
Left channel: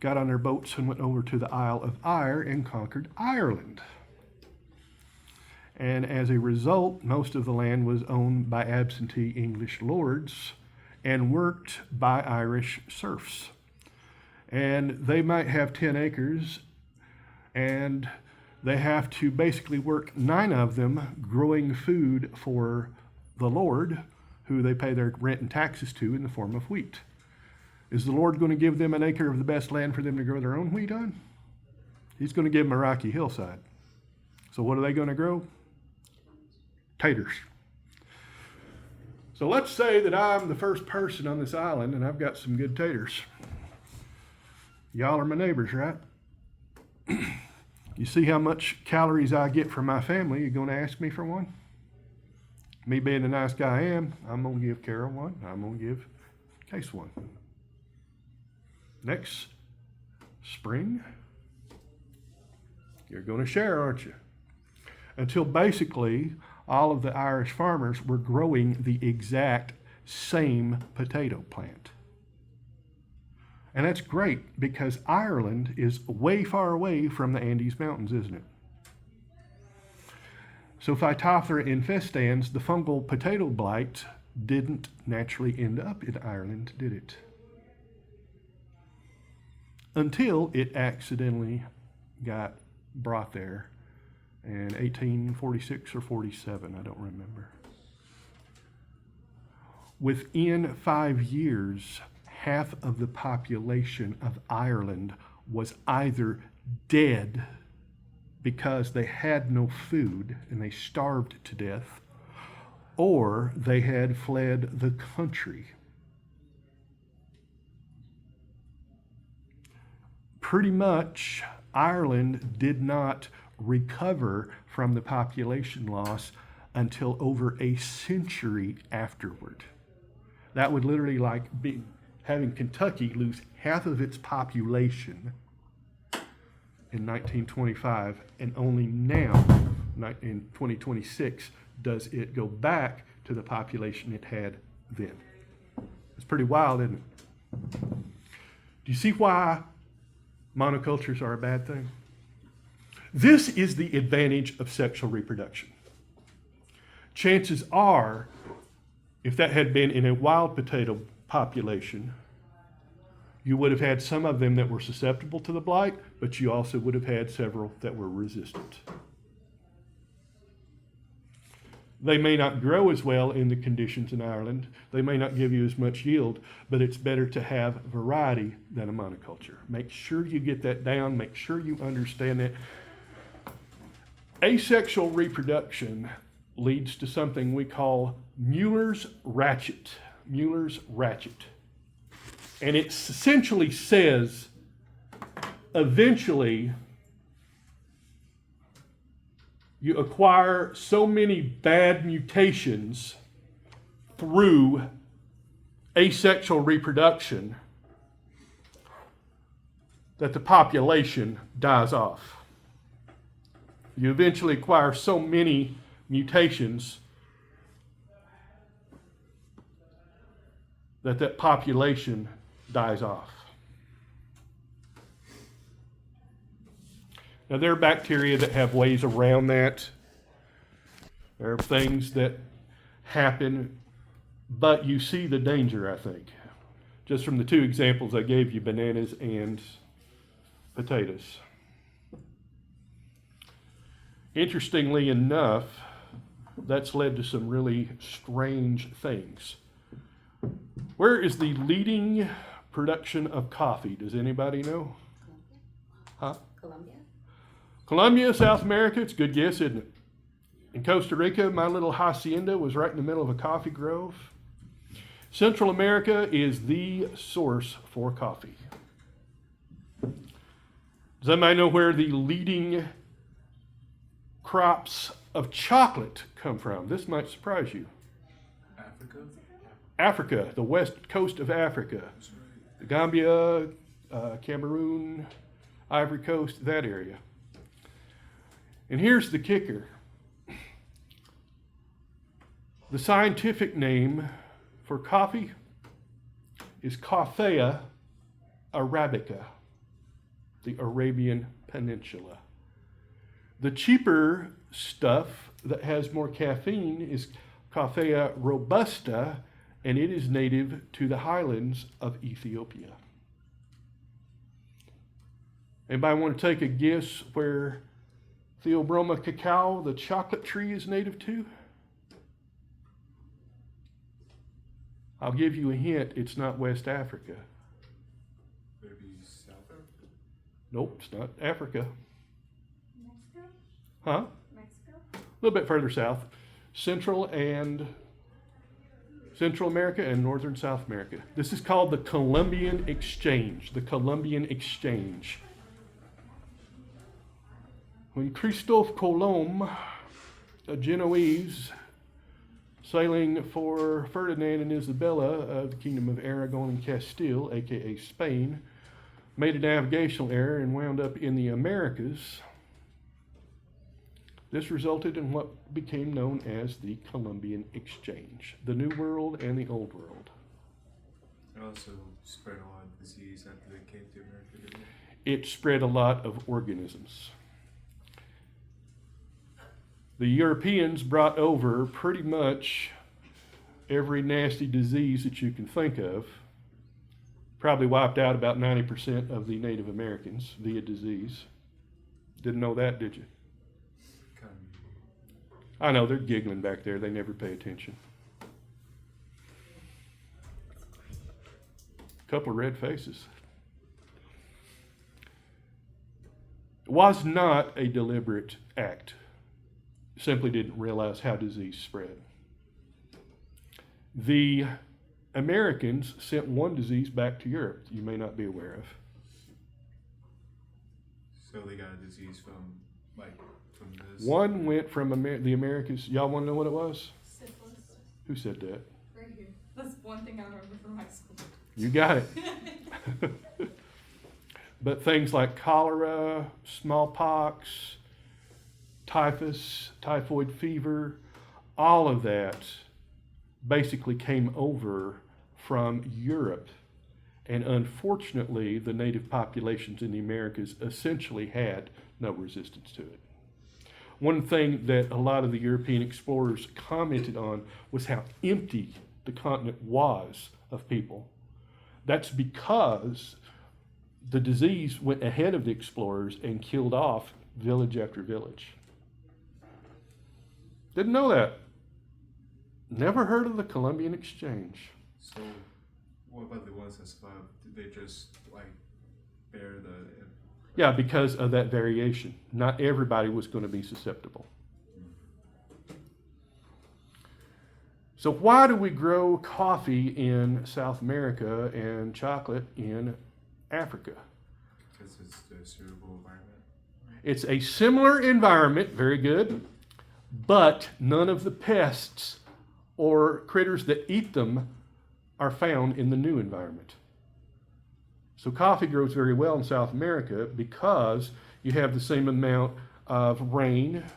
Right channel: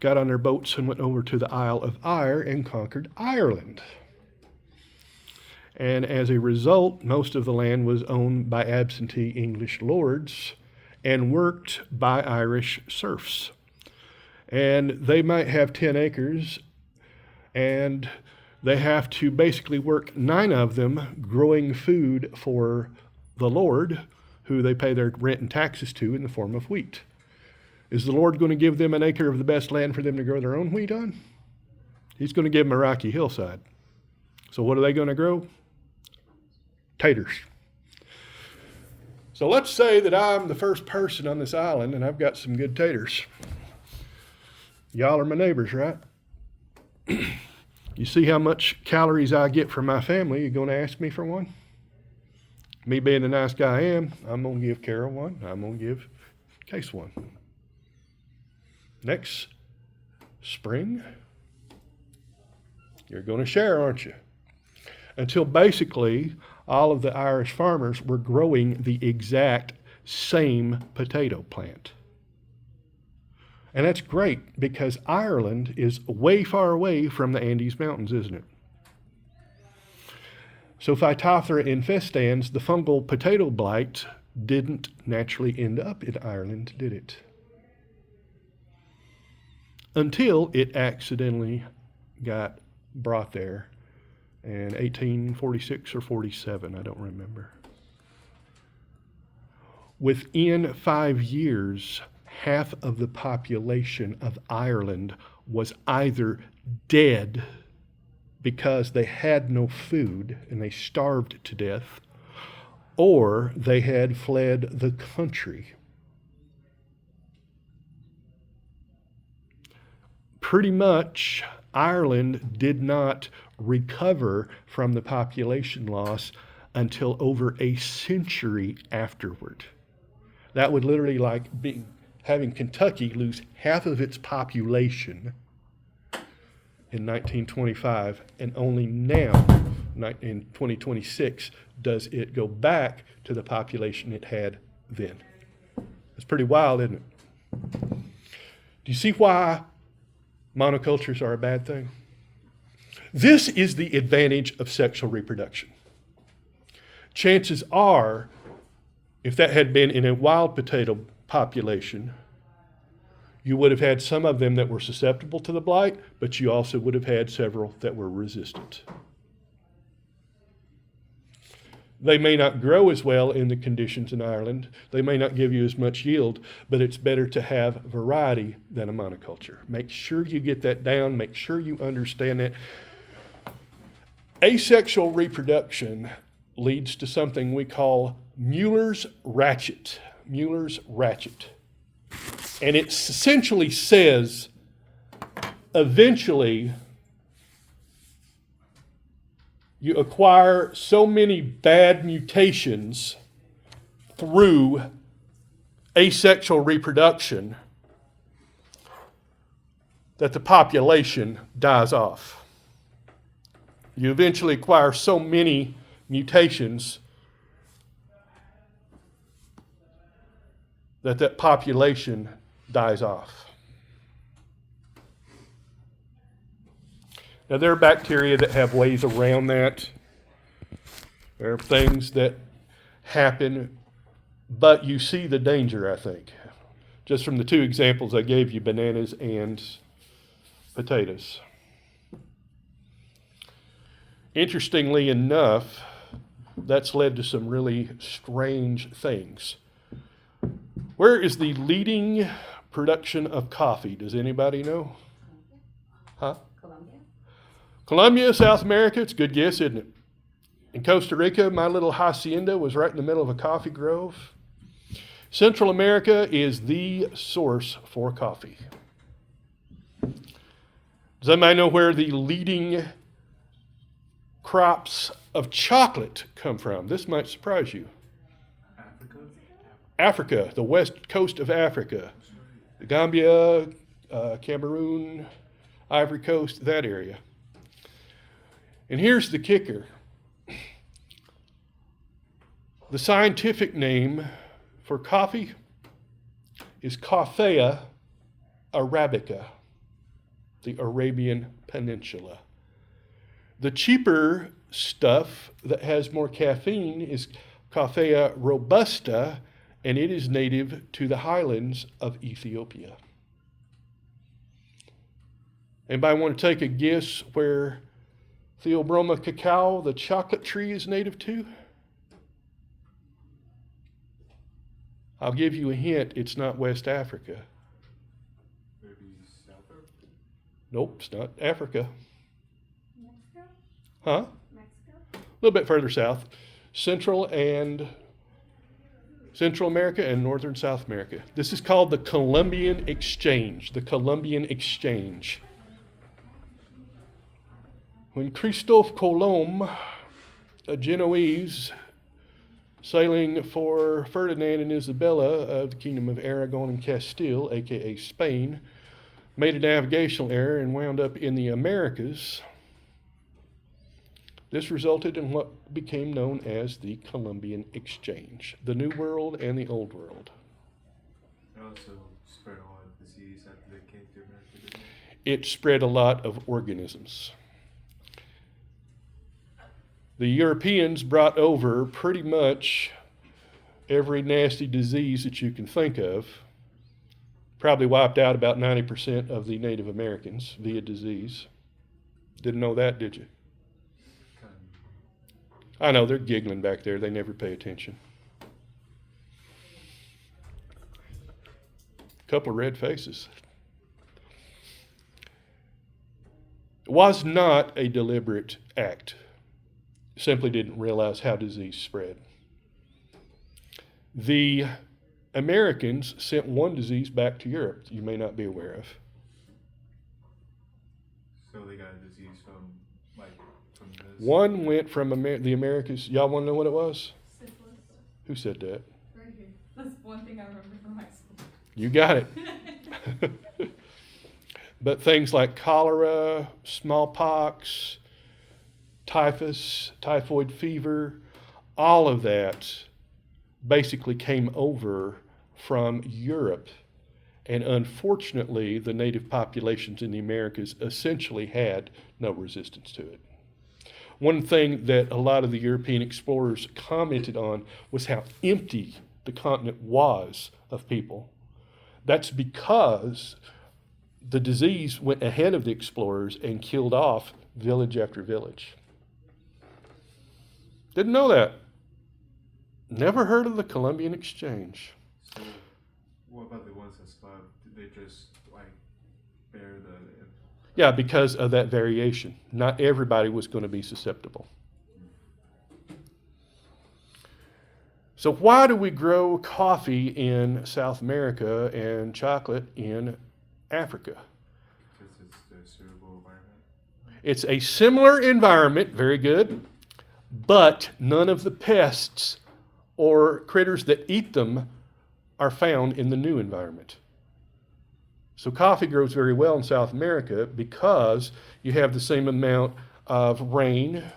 got on their boats and went over to the Isle of Eire and conquered Ireland. And as a result, most of the land was owned by absentee English lords and worked by Irish serfs. And they might have 10 acres, and they have to basically work 9 of them growing food for the Lord, who they pay their rent and taxes to in the form of wheat. Is the Lord going to give them an acre of the best land for them to grow their own wheat on? He's going to give them a rocky hillside. So what are they going to grow? Taters. So let's say that I'm the first person on this island and I've got some good taters. Y'all are my neighbors, right? You see how much calories I get from my family. You going to ask me for one? Me being the nice guy I am, I'm going to give Carol one. I'm going to give Case one. Next spring, you're going to share, aren't you? Until basically all of the Irish farmers were growing the exact same potato plant. And that's great because Ireland is way far away from the Andes Mountains, isn't it? So Phytophthora infestans, the fungal potato blight, didn't naturally end up in Ireland, did it? Until it accidentally got brought there in 1846 or 47, I don't remember. Within 5 years, half of the population of Ireland was either dead because they had no food and they starved to death, or they had fled the country. Pretty much, Ireland did not recover from the population loss until over a century afterward. That would literally like be having Kentucky lose half of its population in 1925, and only now, in 2026, does it go back to the population it had then. It's pretty wild, isn't it? Do you see why monocultures are a bad thing? This is the advantage of sexual reproduction. Chances are, if that had been in a wild potato population, you would have had some of them that were susceptible to the blight, but you also would have had several that were resistant. They may not grow as well in the conditions in Ireland. They may not give you as much yield, but it's better to have variety than a monoculture. Make sure you get that down. Make sure you understand it. Asexual reproduction leads to something we call Mueller's ratchet. Mueller's ratchet. And it essentially says, eventually, you acquire so many bad mutations through asexual reproduction that the population dies off. You eventually acquire so many mutations that population dies off. Now, there are bacteria that have ways around that. There are things that happen, but you see the danger, I think. Just from the 2 examples I gave you, bananas and potatoes. Interestingly enough, that's led to some really strange things. Where is the leading production of coffee? Does anybody know? Huh? Colombia? Colombia, South America. It's a good guess, isn't it? In Costa Rica, my little hacienda was right in the middle of a coffee grove. Central America is the source for coffee. Does anybody know where the leading crops of chocolate come from? This might surprise you. Africa? Africa, the west coast of Africa. The Gambia, Cameroon, Ivory Coast, that area. And here's the kicker. The scientific name for coffee is Coffea arabica, the Arabian Peninsula. The cheaper stuff that has more caffeine is Coffea robusta, and it is native to the highlands of Ethiopia. Anybody want to take a guess where Theobroma cacao, the chocolate tree, is native to? I'll give you a hint, it's not West Africa. Maybe South Africa? Nope, it's not Africa. Mexico? Huh? Mexico? A little bit further south. Central America and Northern South America. This is called the Columbian Exchange. The Columbian Exchange. When Christophe Colomb, a Genoese, sailing for Ferdinand and Isabella of the Kingdom of Aragon and Castile, aka Spain, made a navigational error and wound up in the Americas. This resulted in what became known as the Columbian Exchange, the New World and the Old World. It also spread a lot of disease after they came to America, didn't it? It spread a lot of organisms. The Europeans brought over pretty much every nasty disease that you can think of. Probably wiped out about 90% of the Native Americans via disease. Didn't know that, did you? Kind I know, they're giggling back there. They never pay attention. Couple of red faces. It was not a deliberate act. Simply didn't realize how disease spread. The Americans sent one disease back to Europe that you may not be aware of. so they got a disease from this. One went from the Americas. Y'all want to know what it was? Syphilis. Who said that? Right here. That's one thing I remember from high school. You got it. But things like cholera, smallpox, typhus, typhoid fever, all of that basically came over from Europe. And unfortunately, the native populations in the Americas essentially had no resistance to it. One thing that a lot of the European explorers commented on was how empty the continent was of people. That's because the disease went ahead of the explorers and killed off village after village. Didn't know that. Never heard of the Columbian Exchange. So, what about the ones that survived? Did they just bear the? Yeah, because of that variation. Not everybody was going to be susceptible. So why do we grow coffee in South America and chocolate in Africa? Because it's the suitable environment. It's a similar environment, very good, but none of the pests or critters that eat them are found in the new environment. So coffee grows very well in South America because you have the same amount of rain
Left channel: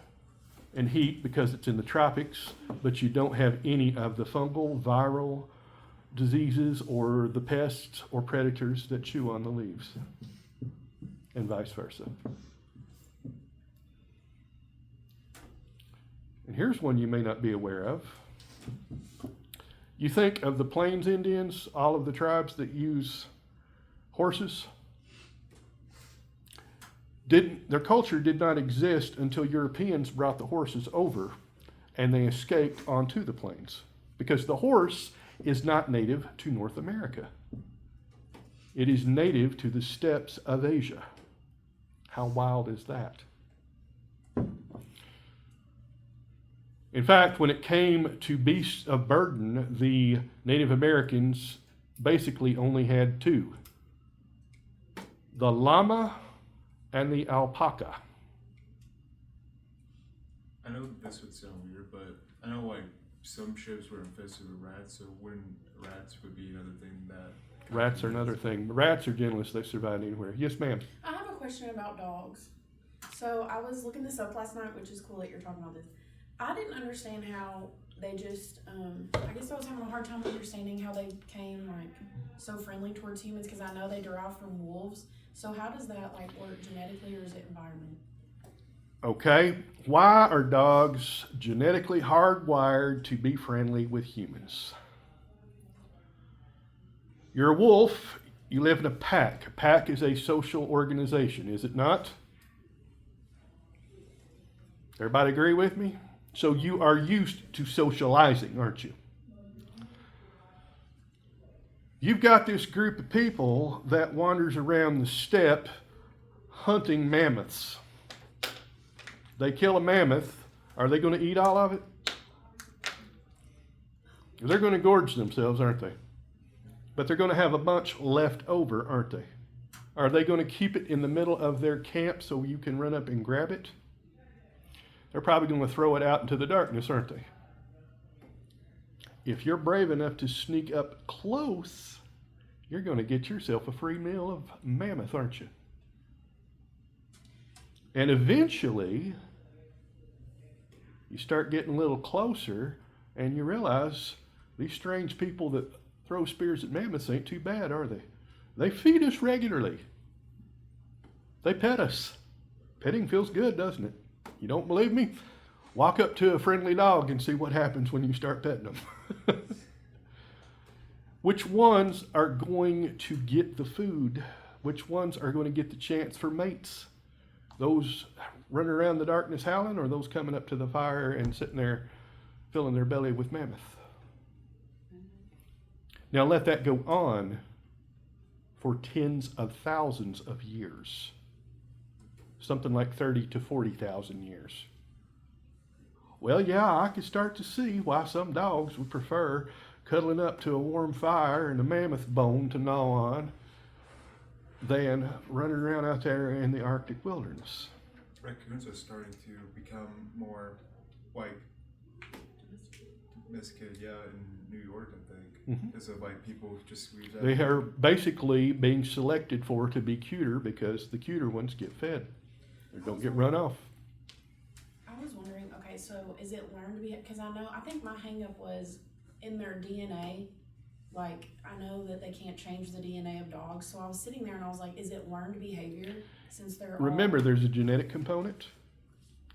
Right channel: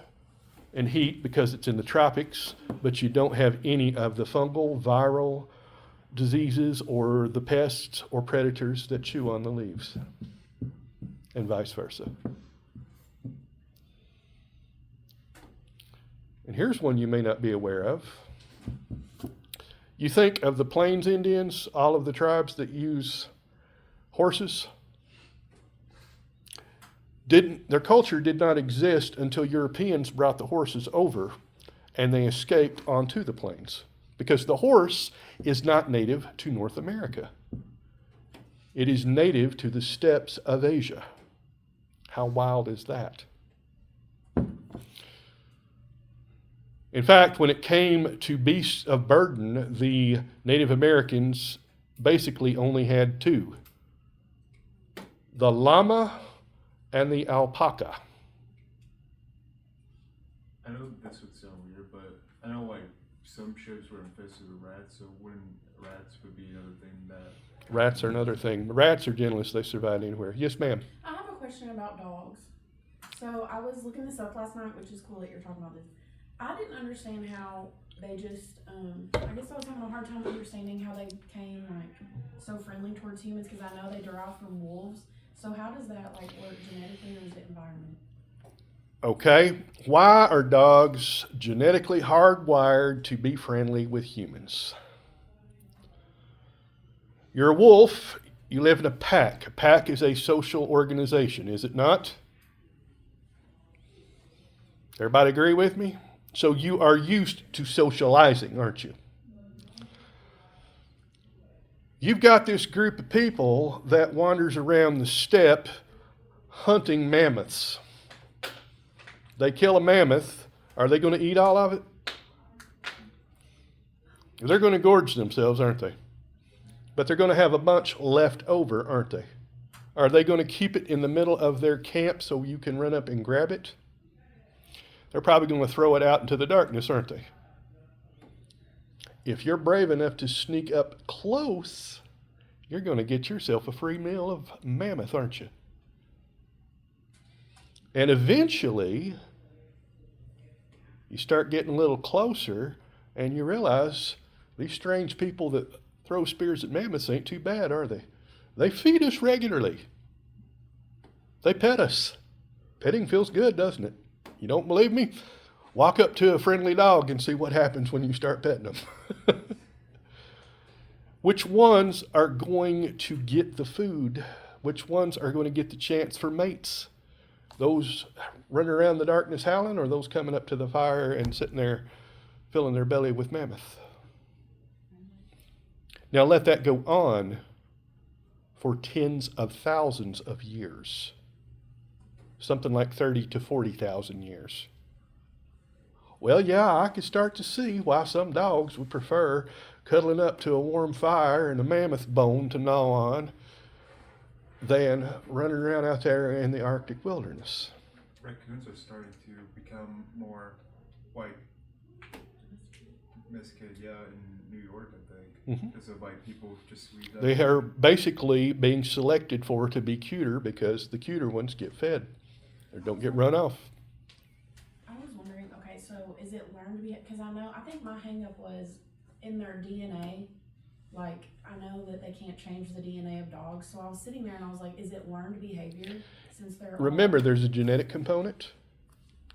and heat because it's in the tropics, but you don't have any of the fungal, viral diseases or the pests or predators that chew on the leaves, and vice versa. And here's one you may not be aware of. You think of the Plains Indians, all of the tribes that use horses. Their culture did not exist until Europeans brought the horses over and they escaped onto the plains, because the horse is not native to North America. It is native to the steppes of Asia. How wild is that? In fact, when it came to beasts of burden, the Native Americans basically only had two: the llama and the alpaca. I know this would sound weird, but I know like some ships were infested with rats, so when rats would be another thing that. Rats are another thing. Rats are gentlest. They survive anywhere. Yes, ma'am. I have a question about dogs. So I was looking this up last night, which is cool that you're talking about this. I didn't understand how they just, I guess I was having a hard time understanding how they became like so friendly towards humans because I know they derive from wolves. So how does that like work genetically or is it environment? Okay. Why are dogs genetically hardwired to be friendly with humans? You're a wolf. You live in a pack. A pack is a social organization, is it not? Everybody agree with me? So you are used to socializing, aren't you? You've got this group of people that wanders around the steppe hunting mammoths. They kill a mammoth. Are they going to eat all of it? They're going to gorge themselves, aren't they? But they're going to have a bunch left over, aren't they? Are they going to keep it in the middle of their camp so you can run up and grab it? They're probably going to throw it out into the darkness, aren't they? If you're brave enough to sneak up close, you're going to get yourself a free meal of mammoth, aren't you? And eventually, you start getting a little closer and you realize these strange people that throw spears at mammoths ain't too bad, are they? They feed us regularly. They pet us. Petting feels good, doesn't it? You don't believe me? Walk up to a friendly dog and see what happens when you start petting them. Which ones are going to get the food? Which ones are going to get the chance for mates? Those running around the darkness howling, or those coming up to the fire and sitting there filling their belly with mammoth? Now let that go on for tens of thousands of years. Something like 30 to 40,000 years. Well, yeah, I could start to see why some dogs would prefer cuddling up to a warm fire and a mammoth bone to gnaw on than running around out there in the Arctic wilderness. Raccoons are starting to become more like domesticated, yeah, in New York, I think, because of like people just leave that. They are basically being selected for to be cuter because the cuter ones get fed or don't get run off. I was wondering, okay, so is it learned to be, because I think my hang up was in their DNA. Like, I know that they can't change the DNA of dogs, so I was sitting there and I was like, is it learned behavior since they're Remember, there's a genetic component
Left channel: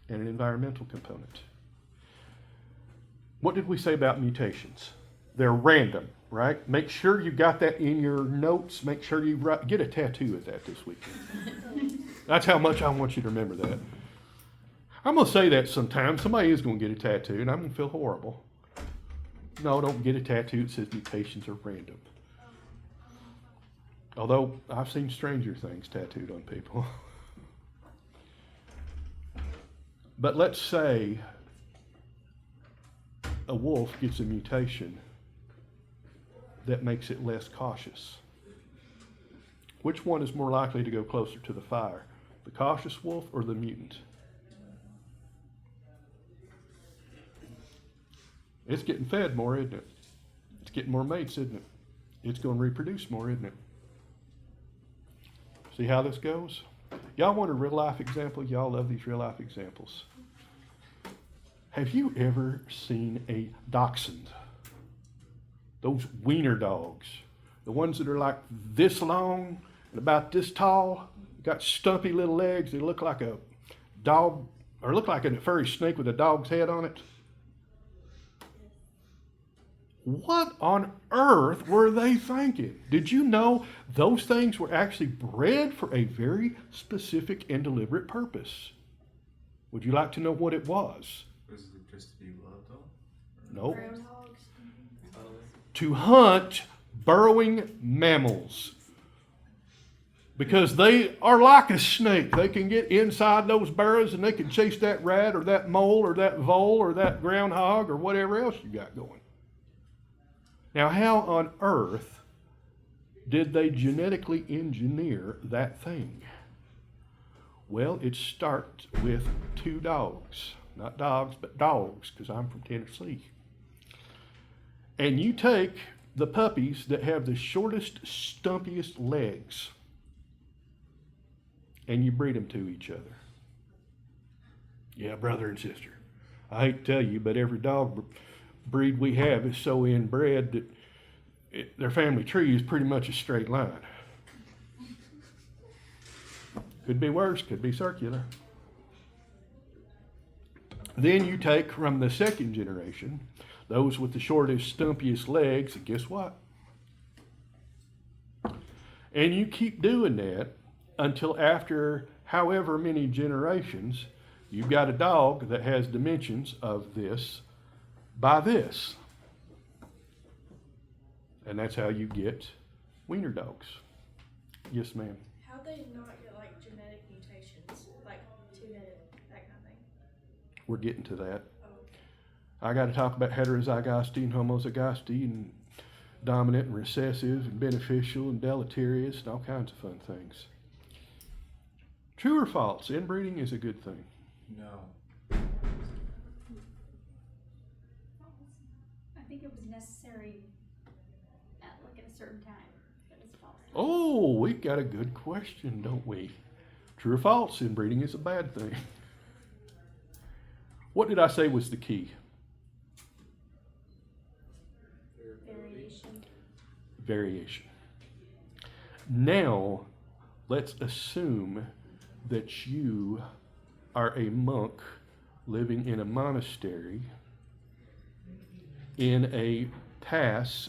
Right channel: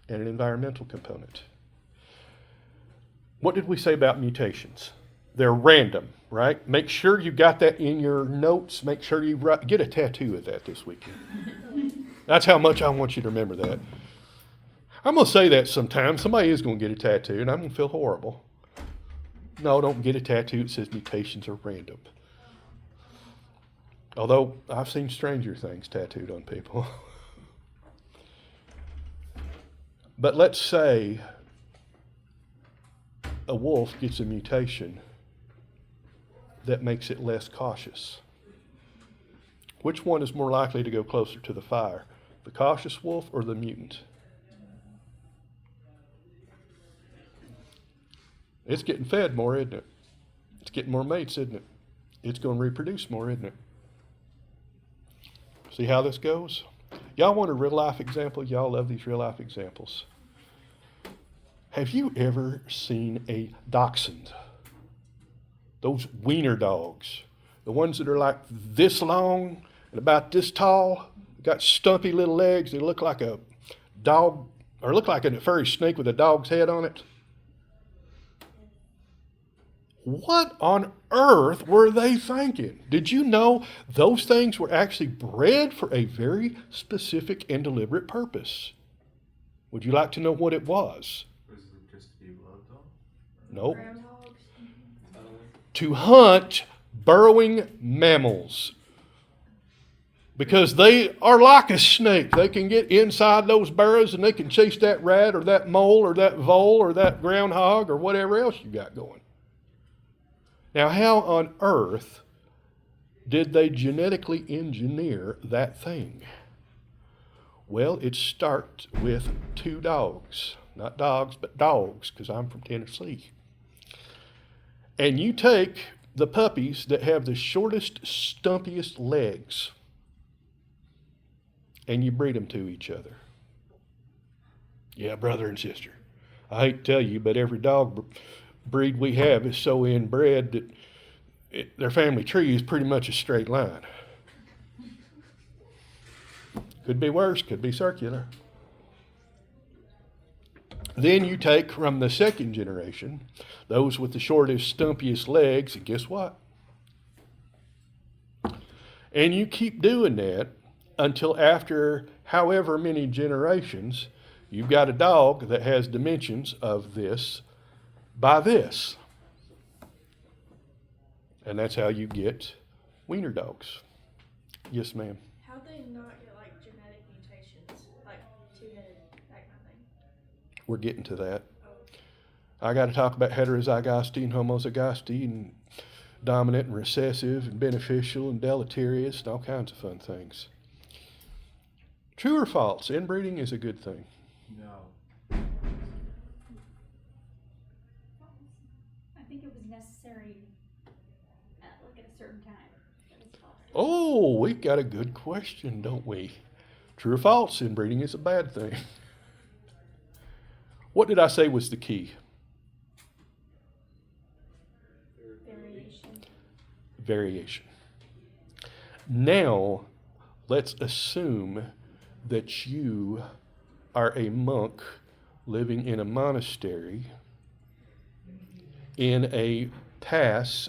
and an environmental component. What did we say about mutations? They're random, right? Make sure you got that in your notes. Make sure you get a tattoo of that this weekend. That's how much I want you to remember that. I'm going to say that sometime. Somebody is going to get a tattoo, and I'm going to feel horrible. No, don't get a tattoo that says mutations are random. Although I've seen stranger things tattooed on people. But let's say a wolf gets a mutation that makes it less cautious. Which one is more likely to go closer to the fire? The cautious wolf or the mutant? It's getting fed more, isn't it? It's getting more mates, isn't it? It's going to reproduce more, isn't it? See how this goes? Y'all want a real life example? Y'all love these real life examples. Have you ever seen a dachshund? Those wiener dogs. The ones that are like this long and about this tall. Got stumpy little legs. They look like a dog, or look like a furry snake with a dog's head on it. What on earth were they thinking? Did you know those things were actually bred for a very specific and deliberate purpose? Would you like to know what it was? Was it just to be loved though? Nope. Totally. To hunt burrowing mammals. Because they are like a snake. They can get inside those burrows and they can chase that rat or that mole or that vole or that groundhog or whatever else you got going. Now, how on earth did they genetically engineer that thing? Well, it starts with two dogs. not dogs, but dogs, because I'm from Tennessee. And you take the puppies that have the shortest, stumpiest legs, and you breed them to each other. Yeah, brother and sister. I hate to tell you, but every dog breed we have is so inbred that their family tree is pretty much a straight line. Could be worse, could be circular. Then you take from the second generation, those with the shortest, stumpiest legs, and guess what? And you keep doing that until after however many generations, you've got a dog that has dimensions of this by this. And that's how you get wiener dogs. Yes, ma'am. How'd they not get like genetic mutations, like two-headed, that kind of thing? We're getting to that. I got to talk about heterozygosity and homozygosty and dominant and recessive and beneficial and deleterious and all kinds of fun things. True or false? Inbreeding is a good thing. No. I think it was necessary at a certain time. That was false. Oh, we got a good question, don't we? True or false? Inbreeding is a bad thing. What did I say was the key? Variation. Variation. Now, let's assume that you are a monk living in a monastery in a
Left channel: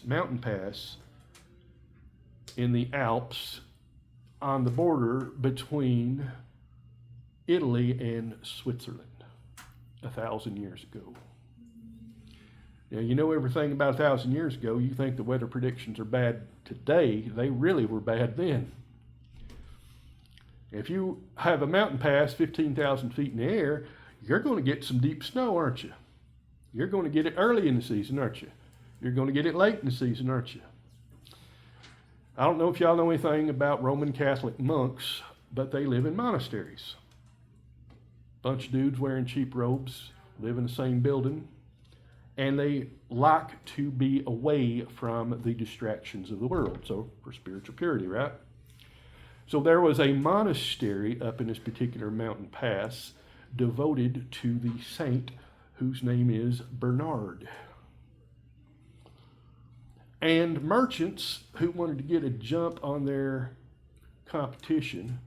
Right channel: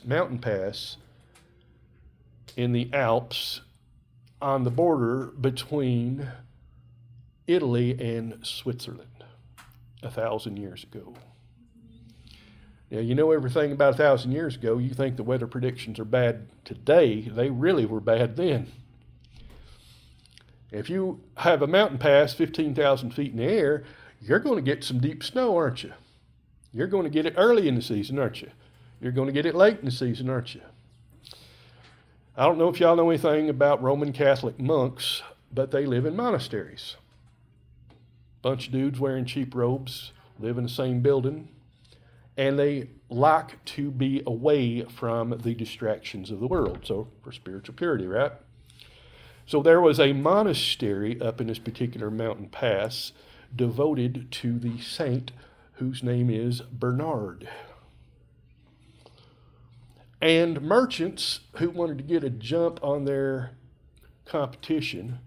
mountain pass in the Alps on the border between Italy and Switzerland 1,000 years ago. Now, you know everything about 1,000 years ago. You think the weather predictions are bad today. They really were bad then. If you have a mountain pass 15,000 feet in the air, you're going to get some deep snow, aren't you? You're going to get it early in the season, aren't you? You're going to get it late in the season, aren't you? I don't know if y'all know anything about Roman Catholic monks, but they live in monasteries. Bunch of dudes wearing cheap robes, live in the same building, and they like to be away from the distractions of the world. So for spiritual purity, right? So there was a monastery up in this particular mountain pass devoted to the saint whose name is Bernard. And merchants who wanted to get a jump on their competition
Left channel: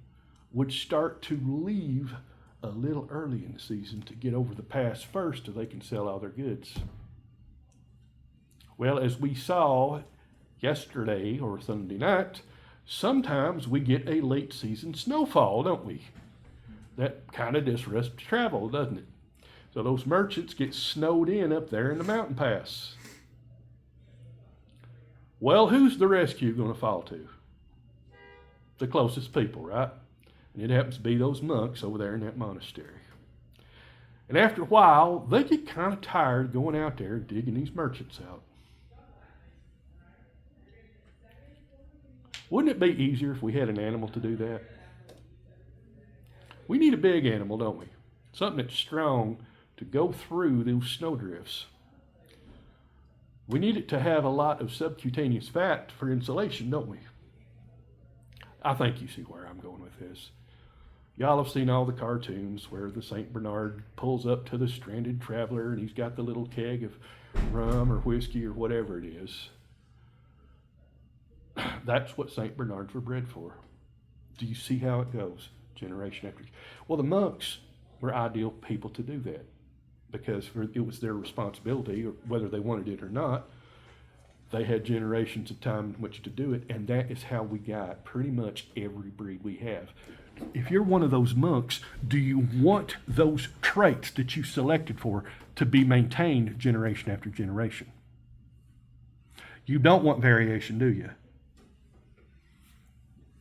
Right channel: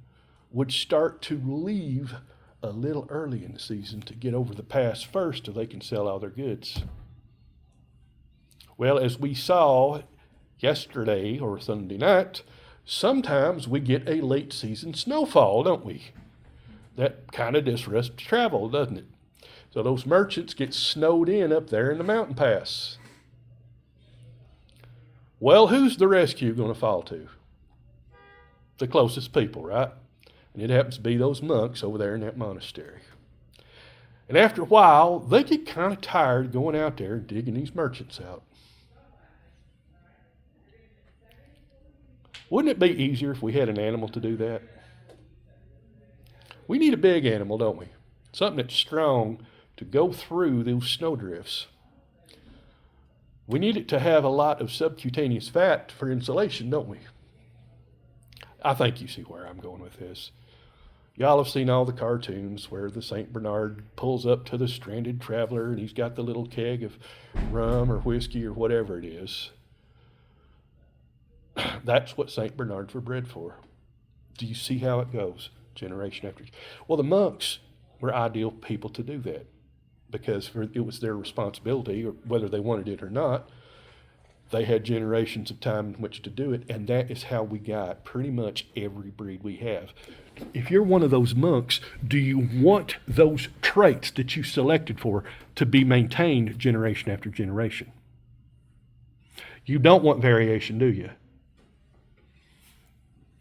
would start to leave a little early in the season to get over the pass first so they can sell all their goods. Well, as we saw yesterday or Sunday night, sometimes we get a late season snowfall, don't we? That kind of disrupts travel, doesn't it? So those merchants get snowed in up there in the mountain pass. Well, who's the rescue going to fall to? The closest people, right? And it happens to be those monks over there in that monastery. And after a while, they get kind of tired going out there and digging these merchants out. Wouldn't it be easier if we had an animal to do that? We need a big animal, don't we? Something that's strong to go through those snowdrifts. We need it to have a lot of subcutaneous fat for insulation, don't we? I think you see where I'm going with this. Y'all have seen all the cartoons where the St. Bernard pulls up to the stranded traveler and he's got the little keg of rum or whiskey or whatever it is. That's what St. Bernards were bred for. Do you see how it goes, generation after? Well, the monks were ideal people to do that because it was their responsibility, or whether they wanted it or not. They had generations of time in which to do it, and that is how we got pretty much every breed we have. If you're one of those monks, do you want those traits that you selected for to be maintained generation after generation? You don't want variation, do you?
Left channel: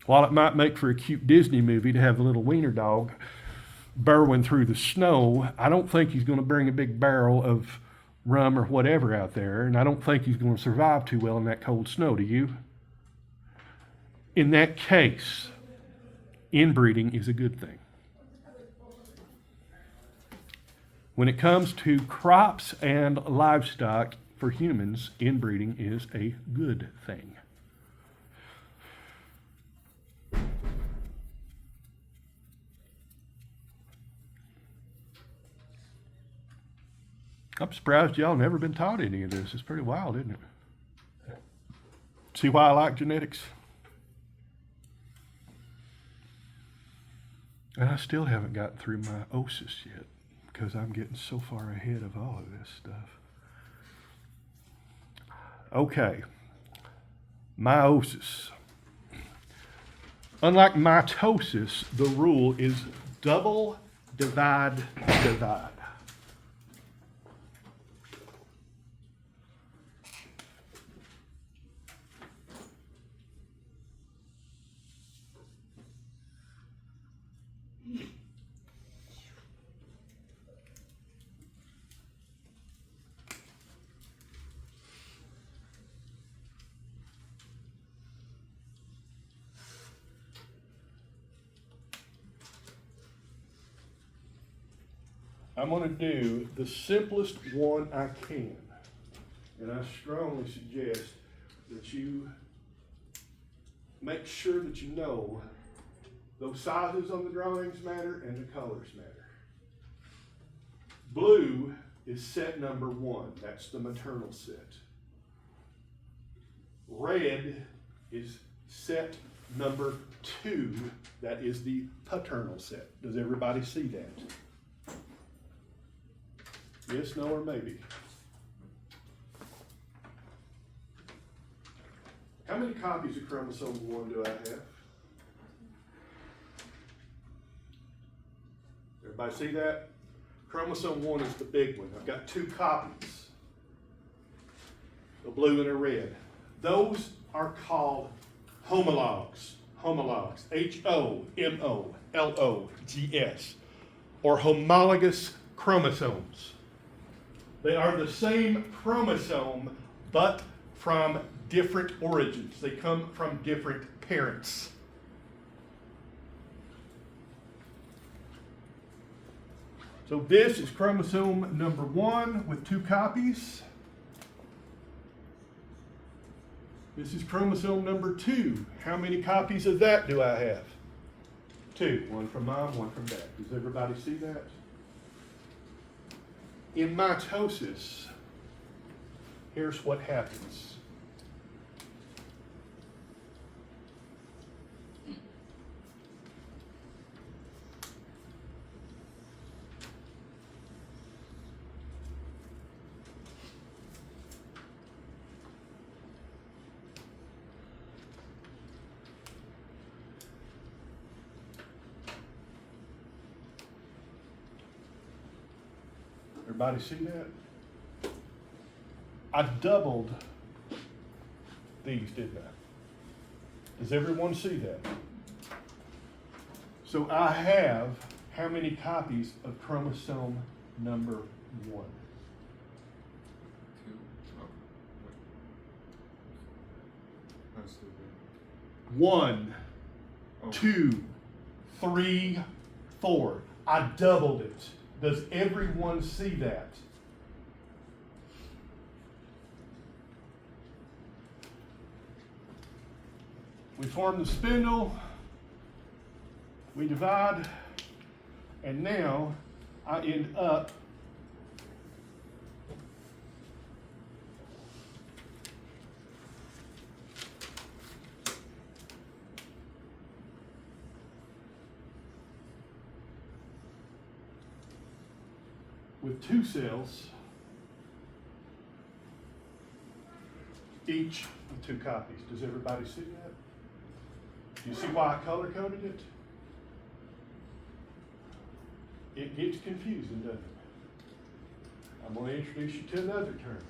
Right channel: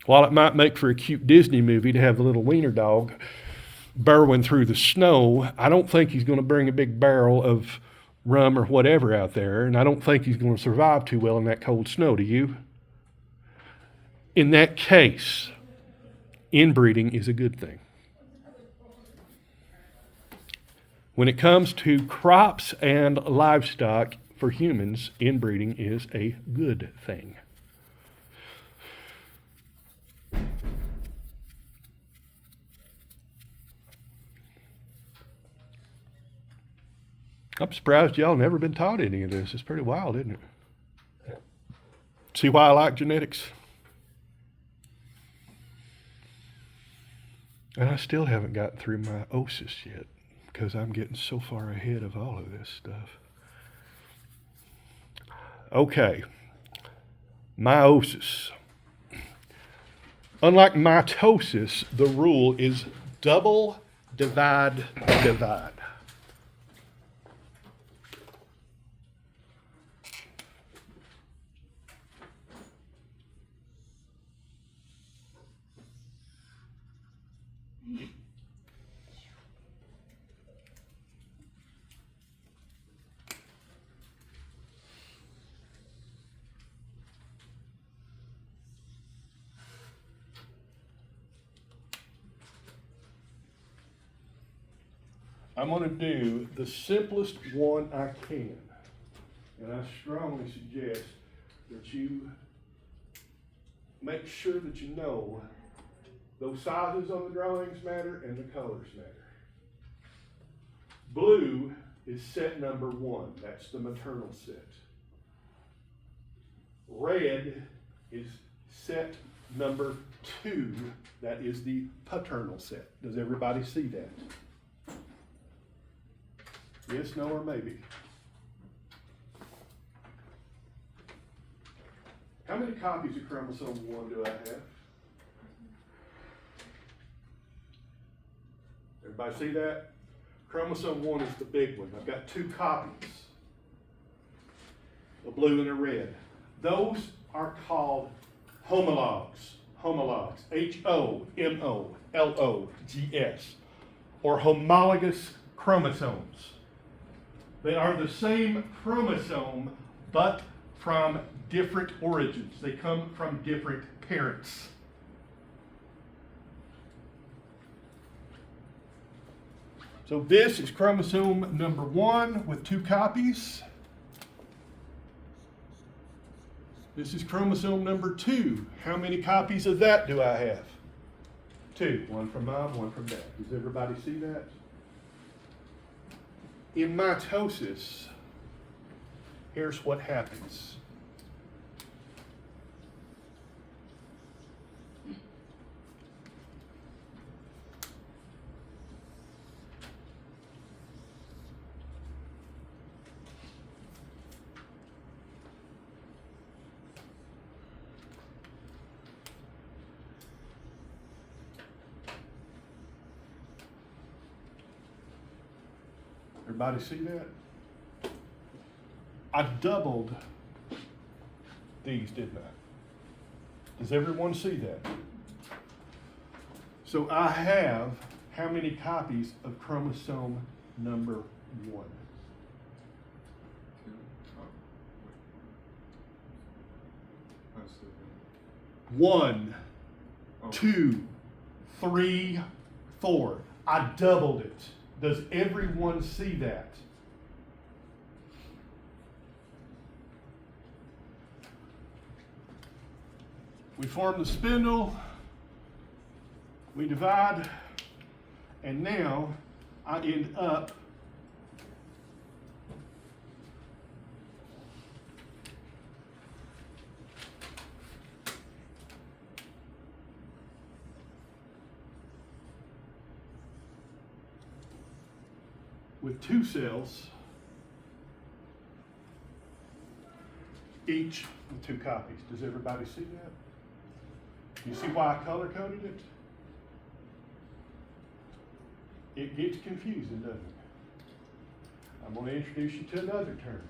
While it might make for a cute Disney movie to have the little wiener dog burrowing through the snow, I don't think he's going to bring a big barrel of rum or whatever out there, and I don't think he's going to survive too well in that cold snow, do you? In that case, inbreeding is a good thing. When it comes to crops and livestock, for humans, inbreeding is a good thing. I'm surprised y'all never been taught any of this. It's pretty wild, isn't it? See why I like genetics? And I still haven't gotten through meiosis yet because I'm getting so far ahead of all of this stuff. Okay, meiosis. Unlike mitosis, the rule is double, divide, divide. I'm going to do the simplest one I can. And I strongly suggest that you make sure that you know those sizes on the drawings matter and the colors matter. Blue is set number 1. That's the maternal set. Red is set number 2. That is the paternal set. Does everybody see that? Yes, no, or maybe? How many copies of chromosome 1 do I have? Everybody see that? Chromosome 1 is the big one. I've got 2 copies, a blue and a red. Those are called homologs. Homologs. H-O-M-O-L-O-G-S. Or homologous chromosomes. They are the same chromosome, but from different origins. They come from different parents. So this is chromosome number 1 with 2 copies. This is chromosome number 2. How many copies of that do I have? 2. One from mom, one from dad. Does everybody see that? In mitosis, here's what happens. Everybody see that? I doubled these, didn't I? Does everyone see that? So I have how many copies of chromosome number 1? 2. Oh. That's the thing. 1, Oh. 2, 3, 4. I doubled it. Does everyone see that? We form the spindle, we divide, and now I end up with 2 cells, each with 2 copies. Does everybody see that? Do you see why I color coded it? It gets confusing, doesn't it? I'm going to introduce you to another term.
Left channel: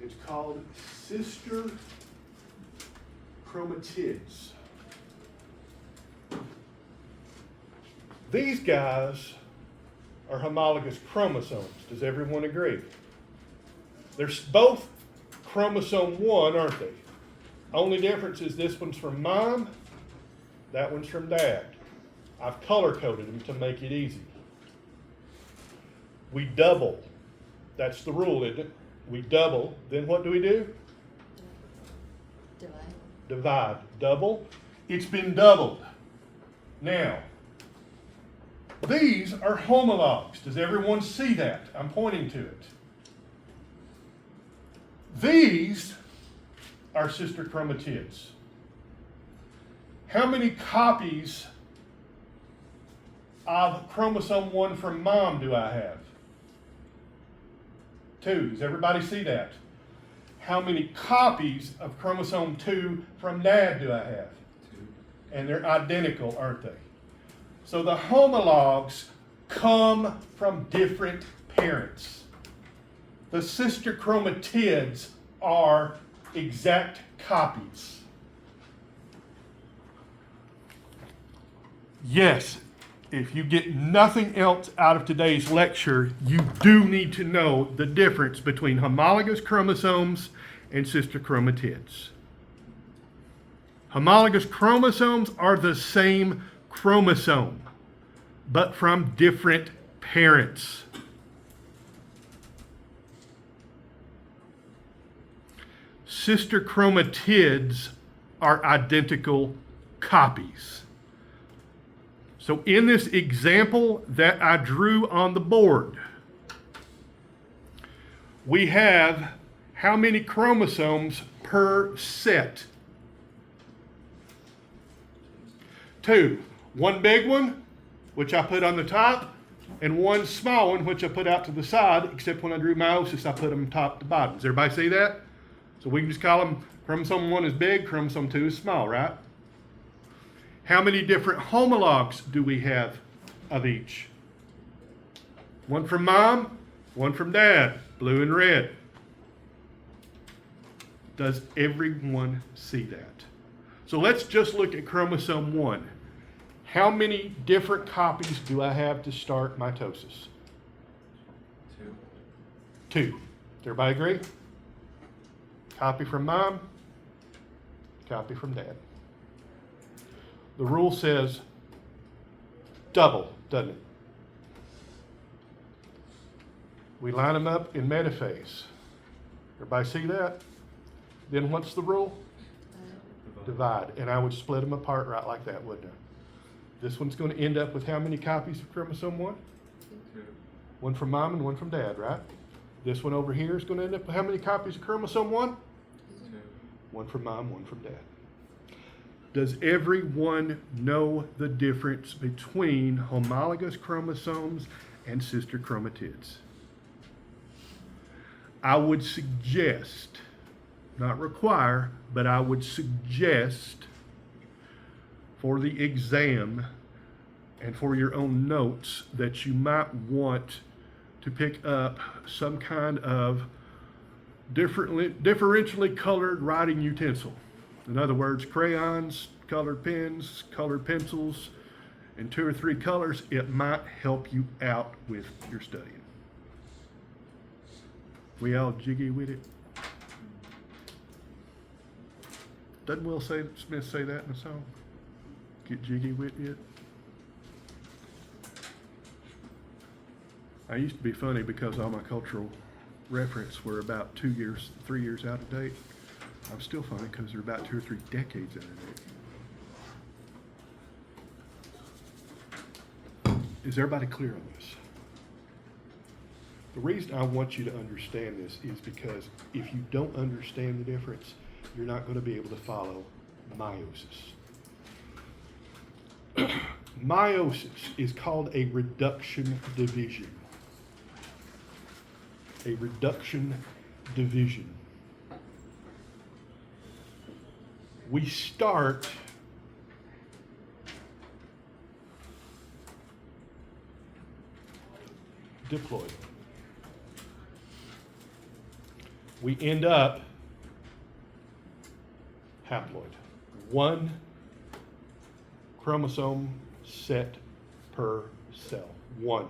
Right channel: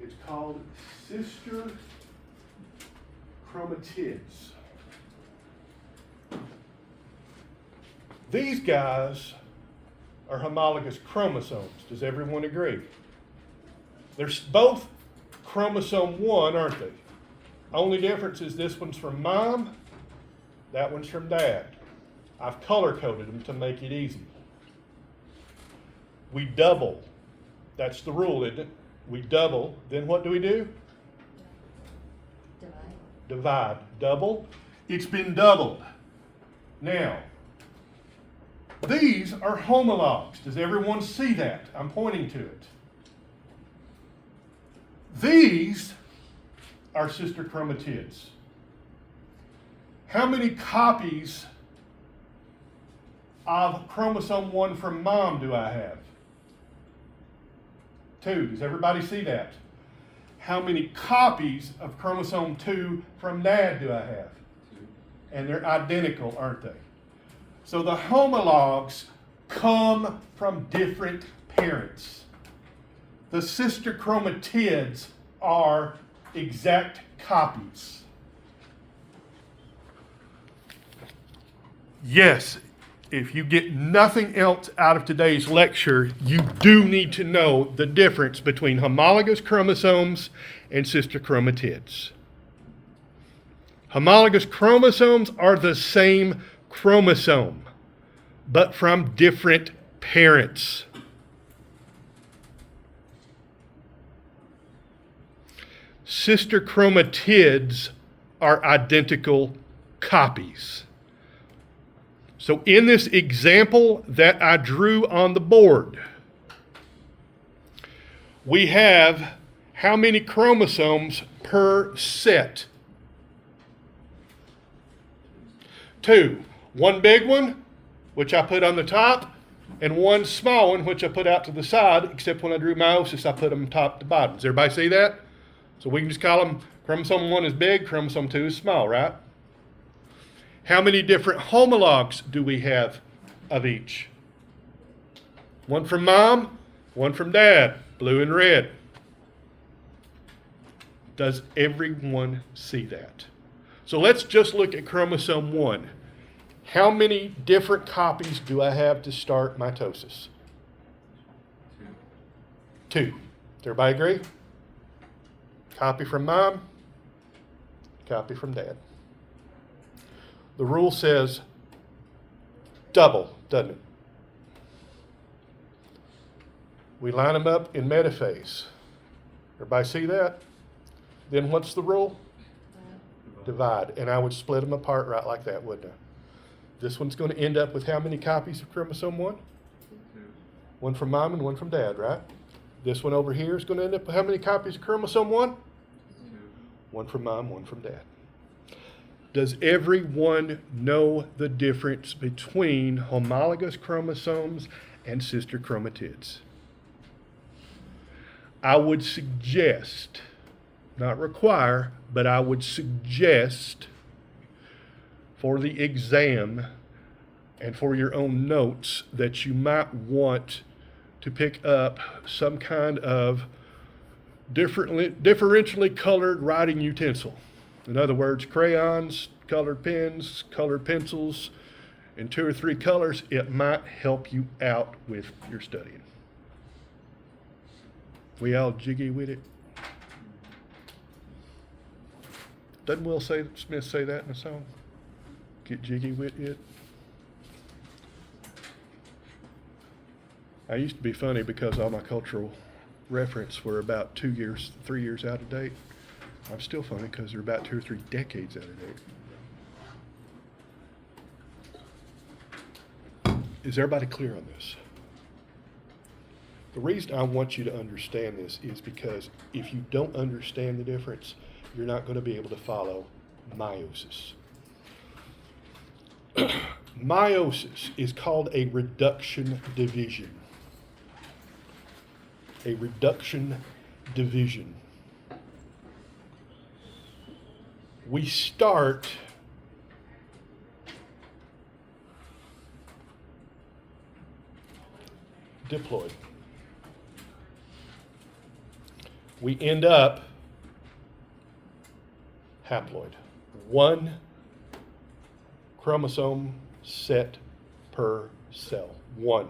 It's called sister chromatids. These guys are homologous chromosomes. Does everyone agree? They're both chromosome 1, aren't they? Only difference is this one's from mom, that one's from dad. I've color-coded them to make it easy. We double. That's the rule, isn't it? We double. Then what do we do? Divide. Divide. Double. It's been doubled. Now, these are homologs. Does everyone see that? I'm pointing to it. These are sister chromatids. How many copies of chromosome 1 from mom do I have? 2. Does everybody see that? How many copies of chromosome 2 from dad do I have? 2. And they're identical, aren't they? So the homologs come from different parents. The sister chromatids are exact copies. Yes, if you get nothing else out of today's lecture, you do need to know the difference between homologous chromosomes and sister chromatids. Homologous chromosomes are the same chromosome, but from different parents. Sister chromatids are identical copies. So in this example that I drew on the board, we have how many chromosomes per set? 2. One big one, which I put on the top, and one small one, which I put out to the side, except when I drew meiosis, I put them top to bottom. Does everybody see that? So we can just call them chromosome 1 is big, chromosome 2 is small, right? How many different homologs do we have of each? One from mom, one from dad, blue and red. Does everyone see that? So let's just look at chromosome 1. How many different copies do I have to start mitosis? 2. 2. Does everybody agree? Copy from mom, copy from dad. The rule says double, doesn't it? We line them up in metaphase. Everybody see that? Then what's the rule? Divide. And I would split them apart right like that, wouldn't I? This one's going to end up with how many copies of chromosome 1? 2. One from mom and one from dad, right? This one over here is going to end up with how many copies of chromosome 1? 2. One from mom, one from dad. Does everyone know the difference between homologous chromosomes and sister chromatids? I would suggest, not require, but I would suggest for the exam and for your own notes that you might want to pick up some kind of differentially colored writing utensil. In other words, crayons, colored pens, colored pencils, in 2 or 3 colors. It might help you out with your studying. We all jiggy with it. Doesn't Will Smith say that in the song? Get jiggy with it. I used to be funny because all my cultural reference were about 2 years, 3 years out of date. I'm still funny because they're about 2 or 3 decades out of date. Is everybody clear on this? The reason I want you to understand this is because if you don't understand the difference, you're not going to be able to follow meiosis. Meiosis is called a reduction division. A reduction division. We start diploid. We end up haploid. 1 chromosome set per cell. 1.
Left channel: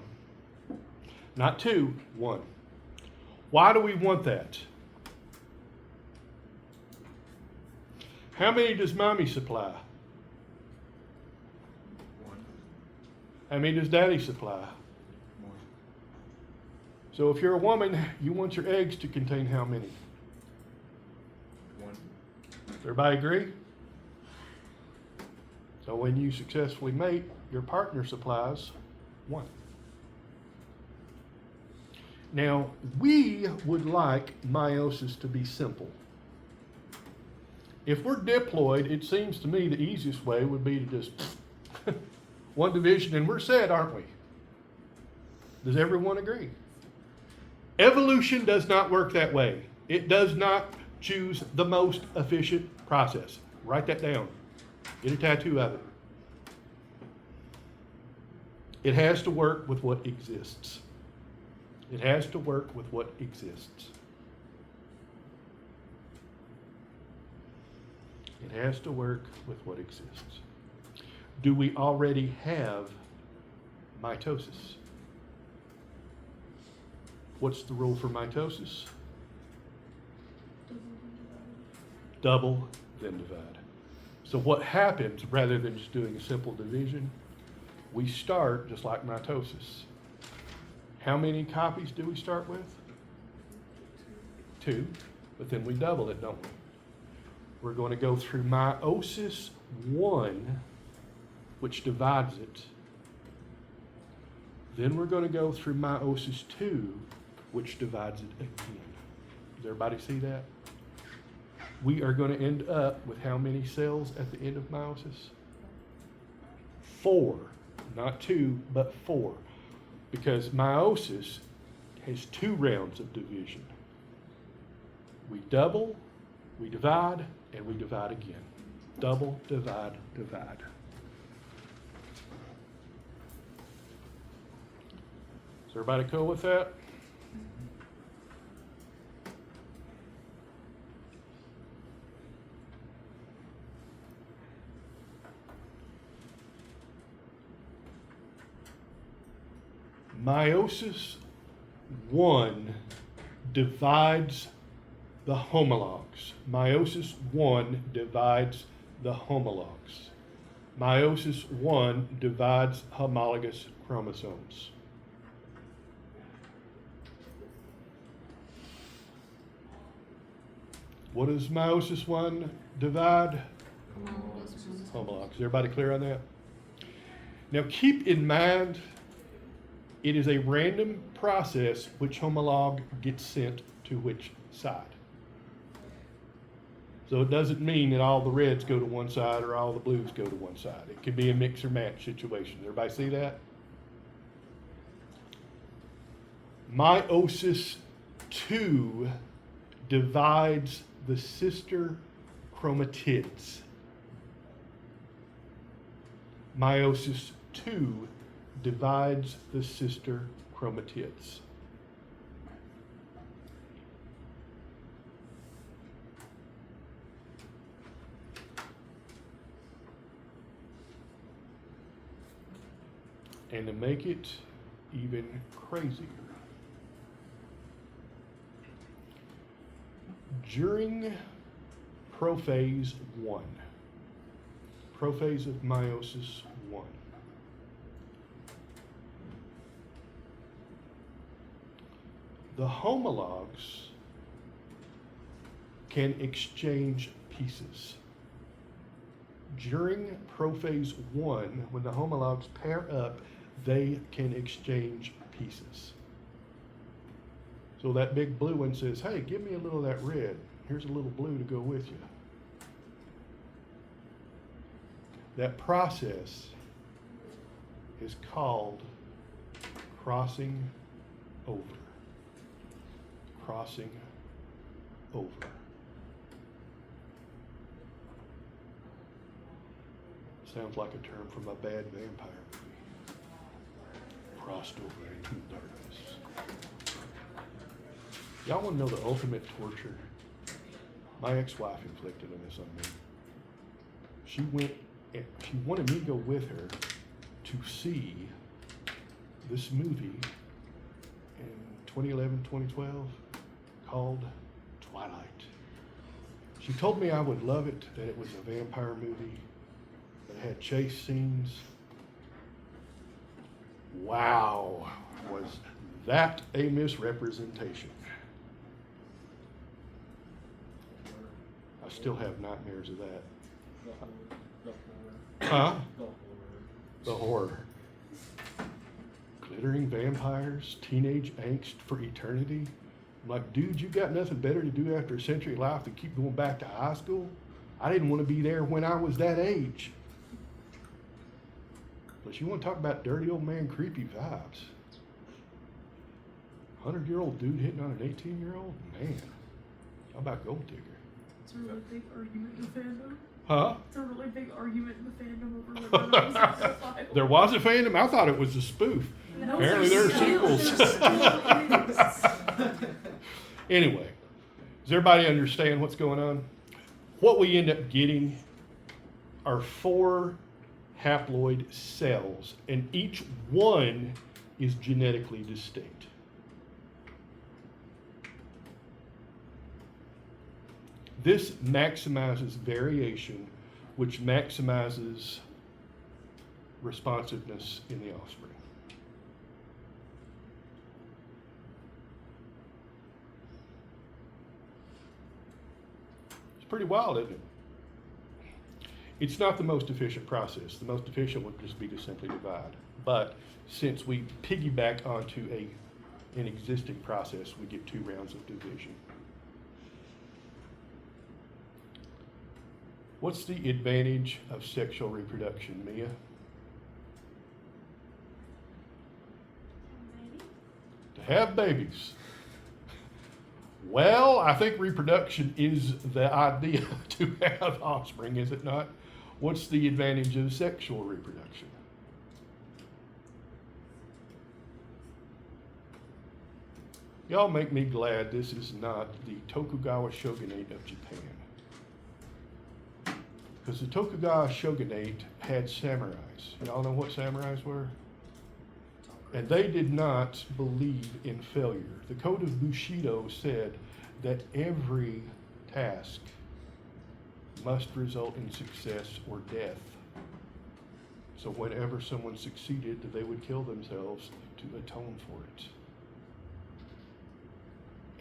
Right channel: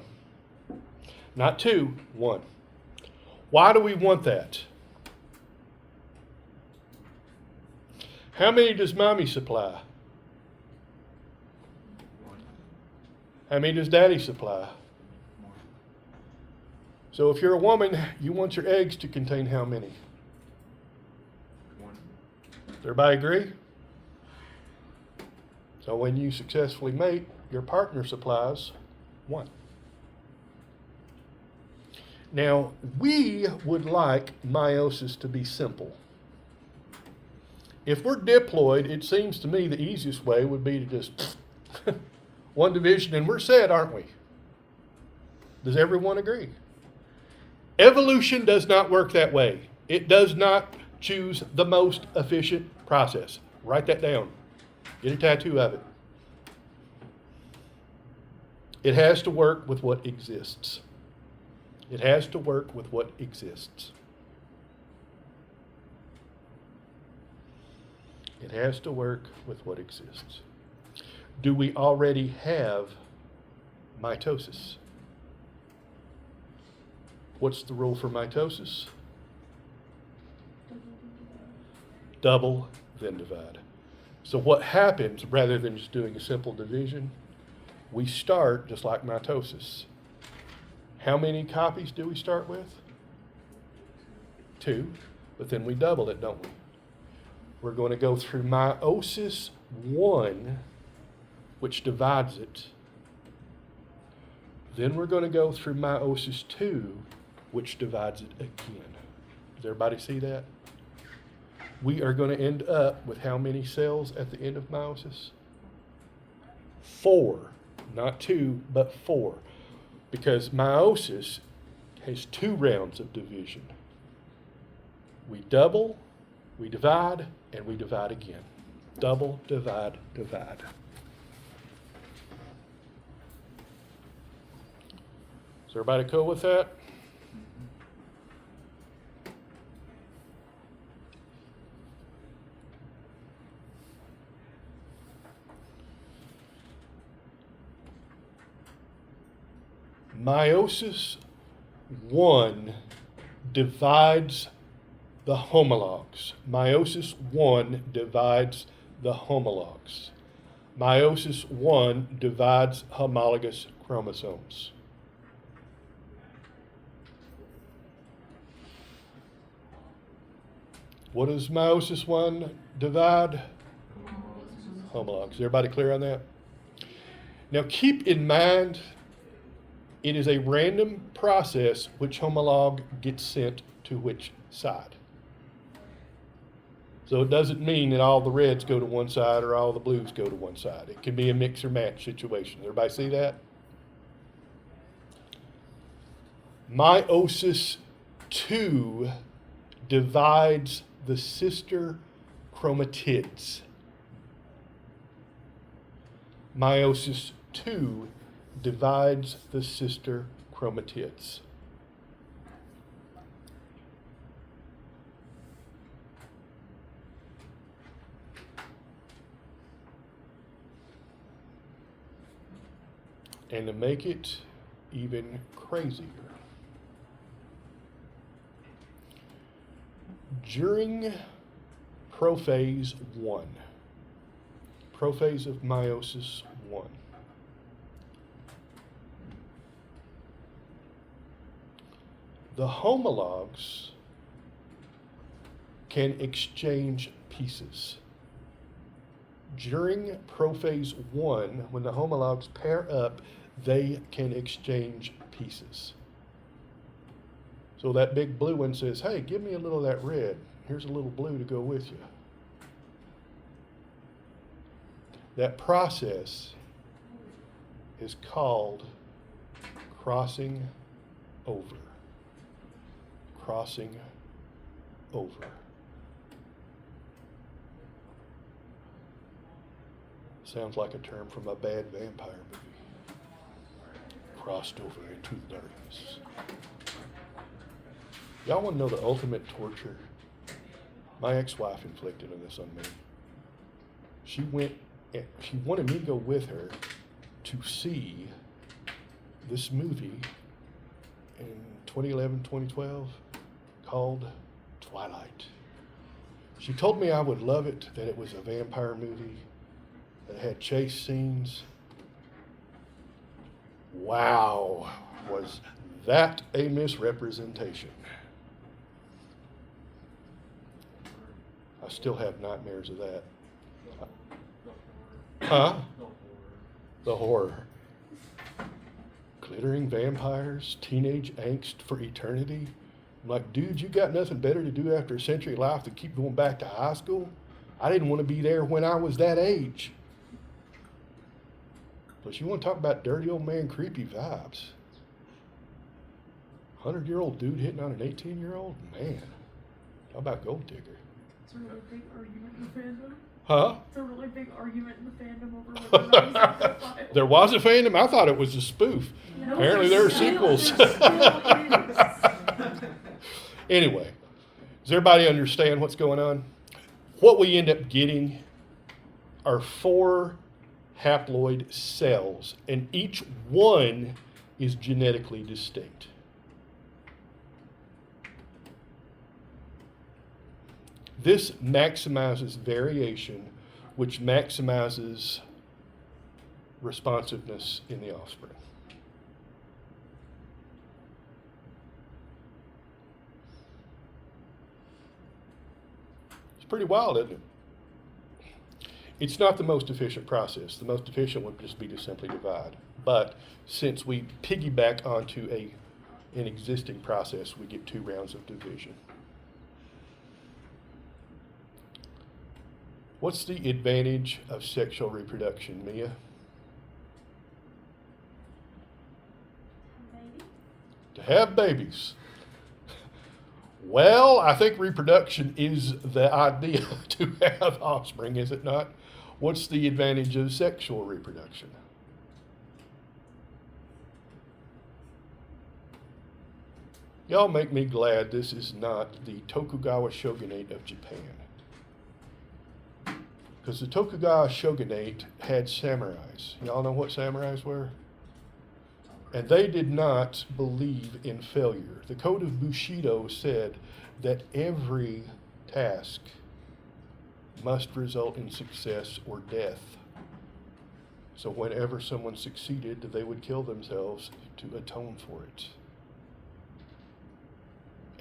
Not 2, 1. Why do we want that? How many does mommy supply? 1. How many does daddy supply? 1. So if you're a woman, you want your eggs to contain how many? 1. Everybody agree? So when you successfully mate, your partner supplies 1. Now, we would like meiosis to be simple. If we're diploid, it seems to me the easiest way would be to just one division and we're set, aren't we? Does everyone agree? Evolution does not work that way. It does not choose the most efficient process. Write that down. Get a tattoo of it. It has to work with what exists. It has to work with what exists. It has to work with what exists. Do we already have mitosis? What's the rule for mitosis? Double, then divide. So what happens, rather than just doing a simple division, we start just like mitosis. How many copies do we start with? 2, but then we double it, don't we? We're going to go through meiosis 1, which divides it. Then we're going to go through meiosis 2, which divides it again. Does everybody see that? We are going to end up with how many cells at the end of meiosis? 4. Not 2, but 4. Because meiosis has 2 rounds of division. We double, we divide, and we divide again. Double, divide, divide. Is everybody cool with that? Meiosis 1 divides the homologs. Meiosis 1 divides the homologs. Meiosis 1 divides homologous chromosomes. What does meiosis 1 divide? Homologs. Is everybody clear on that? Now keep in mind, it is a random process which homolog gets sent to which side. So it doesn't mean that all the reds go to one side or all the blues go to one side. It can be a mix or match situation. Everybody see that? Meiosis 2 divides the sister chromatids. Meiosis 2 divides the sister chromatids. And to make it even crazier, during prophase 1, prophase of meiosis 1, the homologs can exchange pieces. During prophase 1, when the homologs pair up, they can exchange pieces. So that big blue one says, hey, give me a little of that red. Here's a little blue to go with you. That process is called crossing over. Crossing over. Sounds like a term from a bad vampire movie. Crossed over into darkness. Y'all want to know the ultimate torture? My ex-wife inflicted on this on me. She wanted me to go with her to see this movie in 2011, 2012 called Twilight. She told me I would love it, that it was a vampire movie, that had chase scenes. Wow, was that a misrepresentation? I still have nightmares of that. The Huh? horror. The horror. Glittering vampires, teenage angst for eternity. I'm like, dude, you got nothing better to do after a century of life than keep going back to high school? I didn't want to be there when I was that age. Plus, you want to talk about dirty old man creepy vibes. 100-year-old dude hitting on an 18-year-old? Man. How about Gold Digger? It's a really big argument in the fandom. Huh? It's a really big argument in the fandom over whether or not it's a pedophile. There was a fandom? I thought it was a spoof. No, Apparently there are still- sequels. there still is. Anyway, does everybody understand what's going on? What we end up getting are 4 haploid cells, and each one is genetically distinct. This maximizes variation, which maximizes responsiveness in the offspring. It's pretty wild, isn't it? It's not the most efficient process. The most efficient would just be to simply divide. But since we piggyback onto an existing process, we get 2 rounds of division. What's the advantage of sexual reproduction, Mia? Maybe. To have babies. Well, I think reproduction is the idea to have offspring, is it not? What's the advantage of sexual reproduction? Y'all make me glad this is not the Tokugawa shogunate of Japan. Because the Tokugawa shogunate had samurais. Y'all know what samurais were? And they did not believe in failure. The code of Bushido said that every task must result in success or death. So whenever someone succeeded, they would kill themselves to atone for it.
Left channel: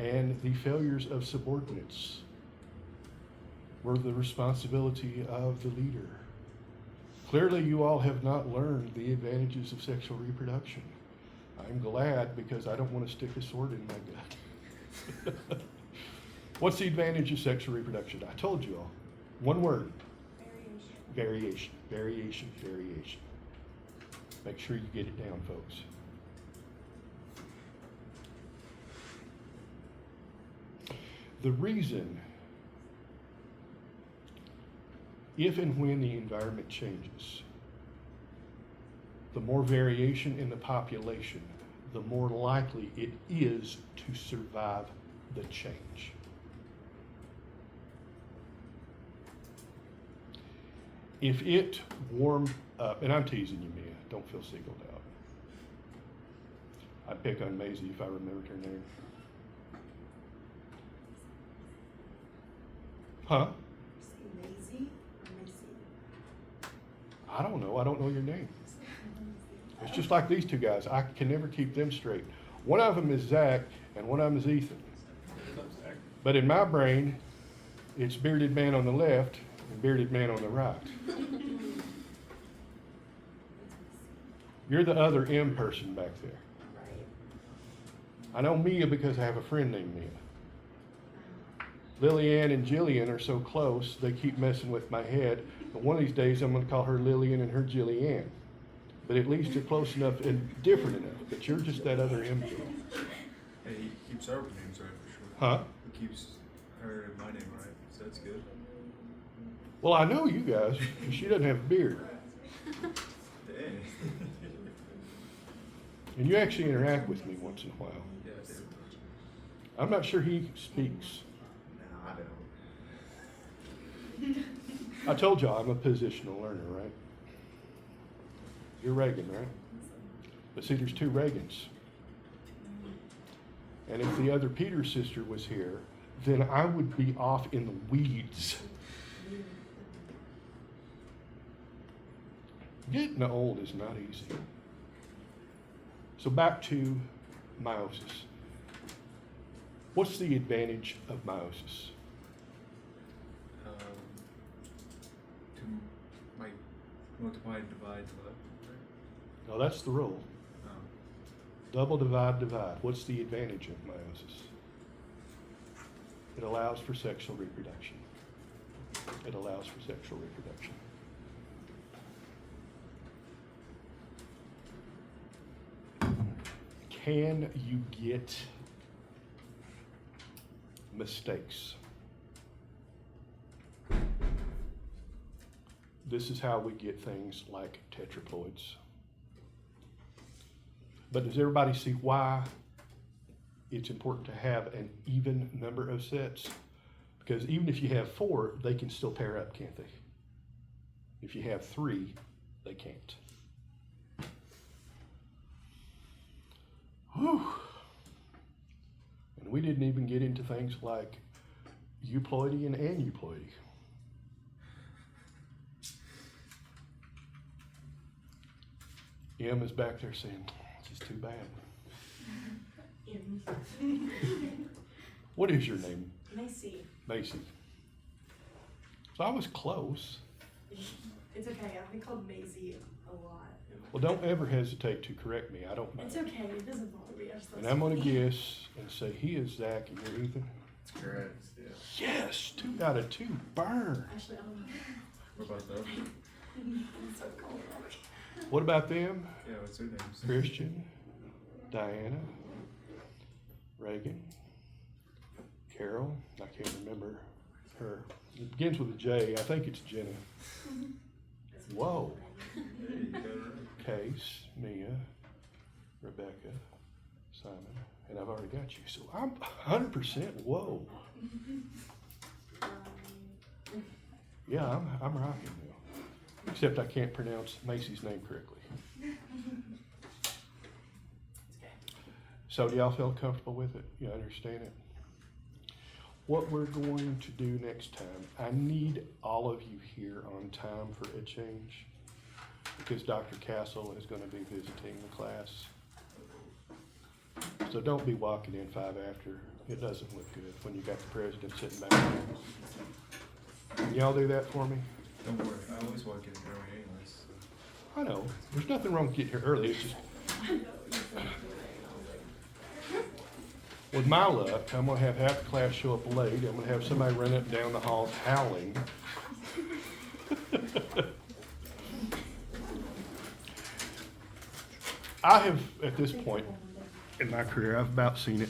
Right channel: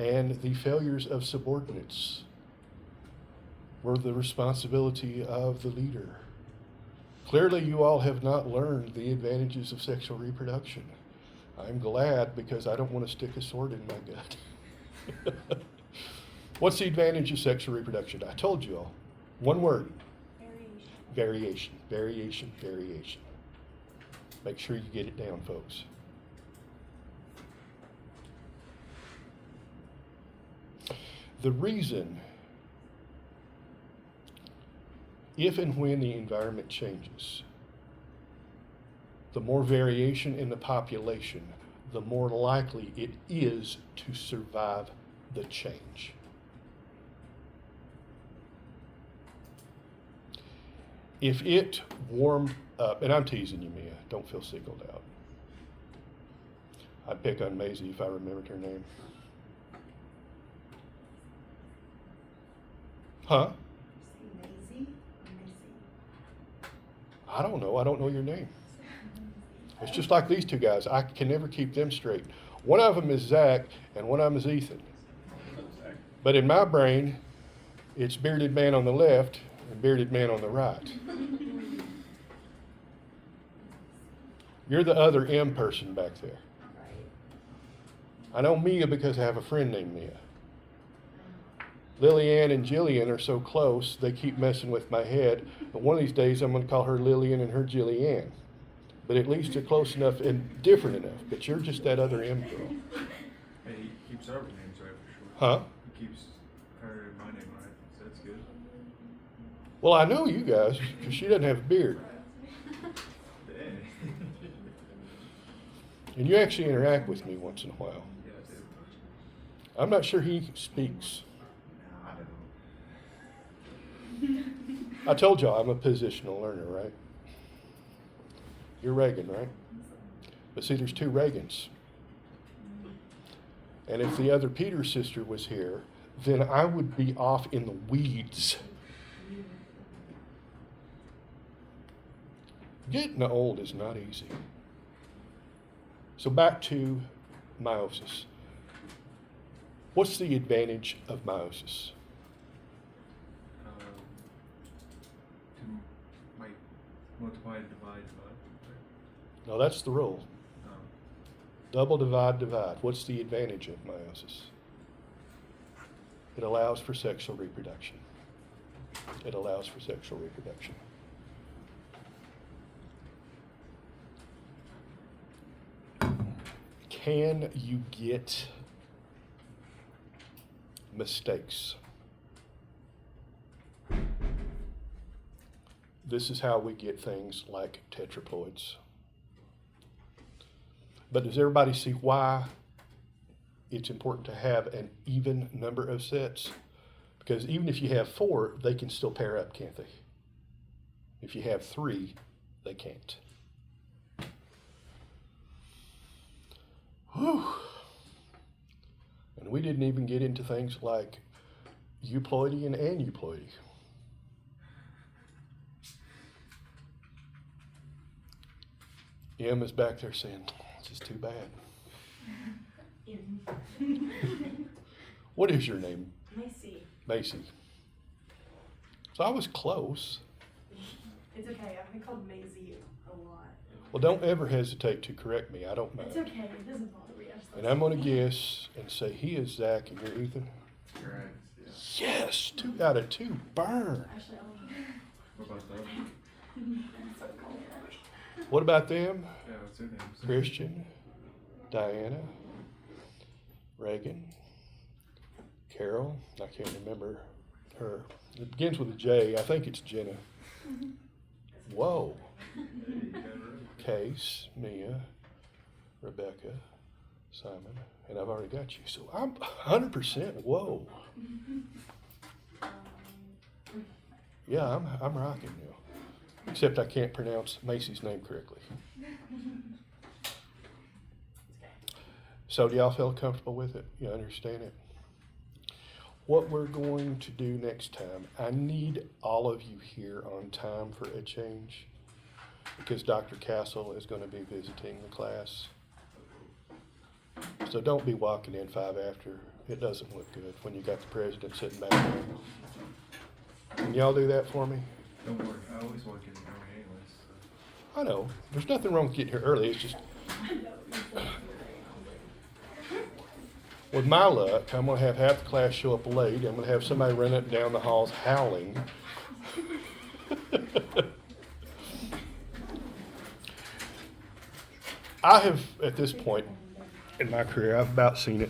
And the failures of subordinates were the responsibility of the leader. Clearly, you all have not learned the advantages of sexual reproduction. I'm glad, because I don't want to stick a sword in my gut. What's the advantage of sexual reproduction? I told you all. One word. Variation. Variation. Variation. Variation. Make sure you get it down, folks. The reason, if and when the environment changes, the more variation in the population, the more likely it is to survive the change. If it warmed up, and I'm teasing you, Mia, don't feel singled out. I'd pick on Maisie if I remembered her name. Huh? Maisie or Macy? I don't know. I don't know your name. It's just like these 2 guys. I can never keep them straight. One of them is Zach, and one of them is Ethan. But in my brain, it's bearded man on the left and bearded man on the right. You're the other M person back there. Right. I know Mia because I have a friend named Mia. Lillian and Jillian are so close, they keep messing with my head. But one of these days, I'm going to call her Lillian and her Jillian. But at least they're close enough and different enough. But you're just that other M girl. Hey, he keeps our names right for sure. Huh? He keeps her and my name right, so that's good. Well, I know you guys, because she doesn't have a beard. Dang. And you actually interact with me once in a while. Yeah, I did. I'm not sure he speaks. No, I don't. I told y'all I'm a positional learner, right? You're Reagan, right? But see, there's 2 Reagans. And if the other Peter's sister was here, then I would be off in the weeds. Getting old is not easy. So back to meiosis. What's the advantage of meiosis? To like multiply, divide. Now that's the rule. Um, Double, divide, divide. What's the advantage of meiosis? It allows for sexual reproduction. It allows for sexual reproduction. Can you get mistakes? This is how we get things like tetraploids. But does everybody see why it's important to have an even number of sets? Because even if you have 4, they can still pair up, can't they? If you have 3, they can't. Whew. And we didn't even get into things like euploidy and aneuploidy. Em is back there saying, this is too bad. What is your name? Macy. Macy. So I was close. It's okay. I've been called Maisie a lot. Well, don't ever hesitate to correct me. I don't know. It's okay. It doesn't bother me. And I'm going to guess and say he is Zach and you're Ethan. correct. Yeah. Yes, 2 out of 2. Burn. Actually, I don't know. What about that? I'm so cold. What about them? Yeah, what's their names? Christian, Diana, Reagan, Carol. I can't remember her. It begins with a J. I think it's Jenna. Whoa. Yeah, you got it right. Case, Mia, Rebecca, Simon, and I've already got you. So I'm 100%. Whoa. Yeah, I'm rocking now. Except I can't pronounce Macy's name correctly. So do y'all feel comfortable with it? You understand it? What we're going to do next time, I need all of you here on time for a change because Dr. Castle is going to be visiting the class. So don't be walking in 5 after. It doesn't look good when you got the president sitting back there. Can y'all do that for me? Don't worry, I always walk in early anyways. I know. There's nothing wrong with getting here early. It's just, with my luck, I'm going to have half the class show up late. I'm going to have somebody run up and down the halls howling. I have, at this point in my career, I've about seen it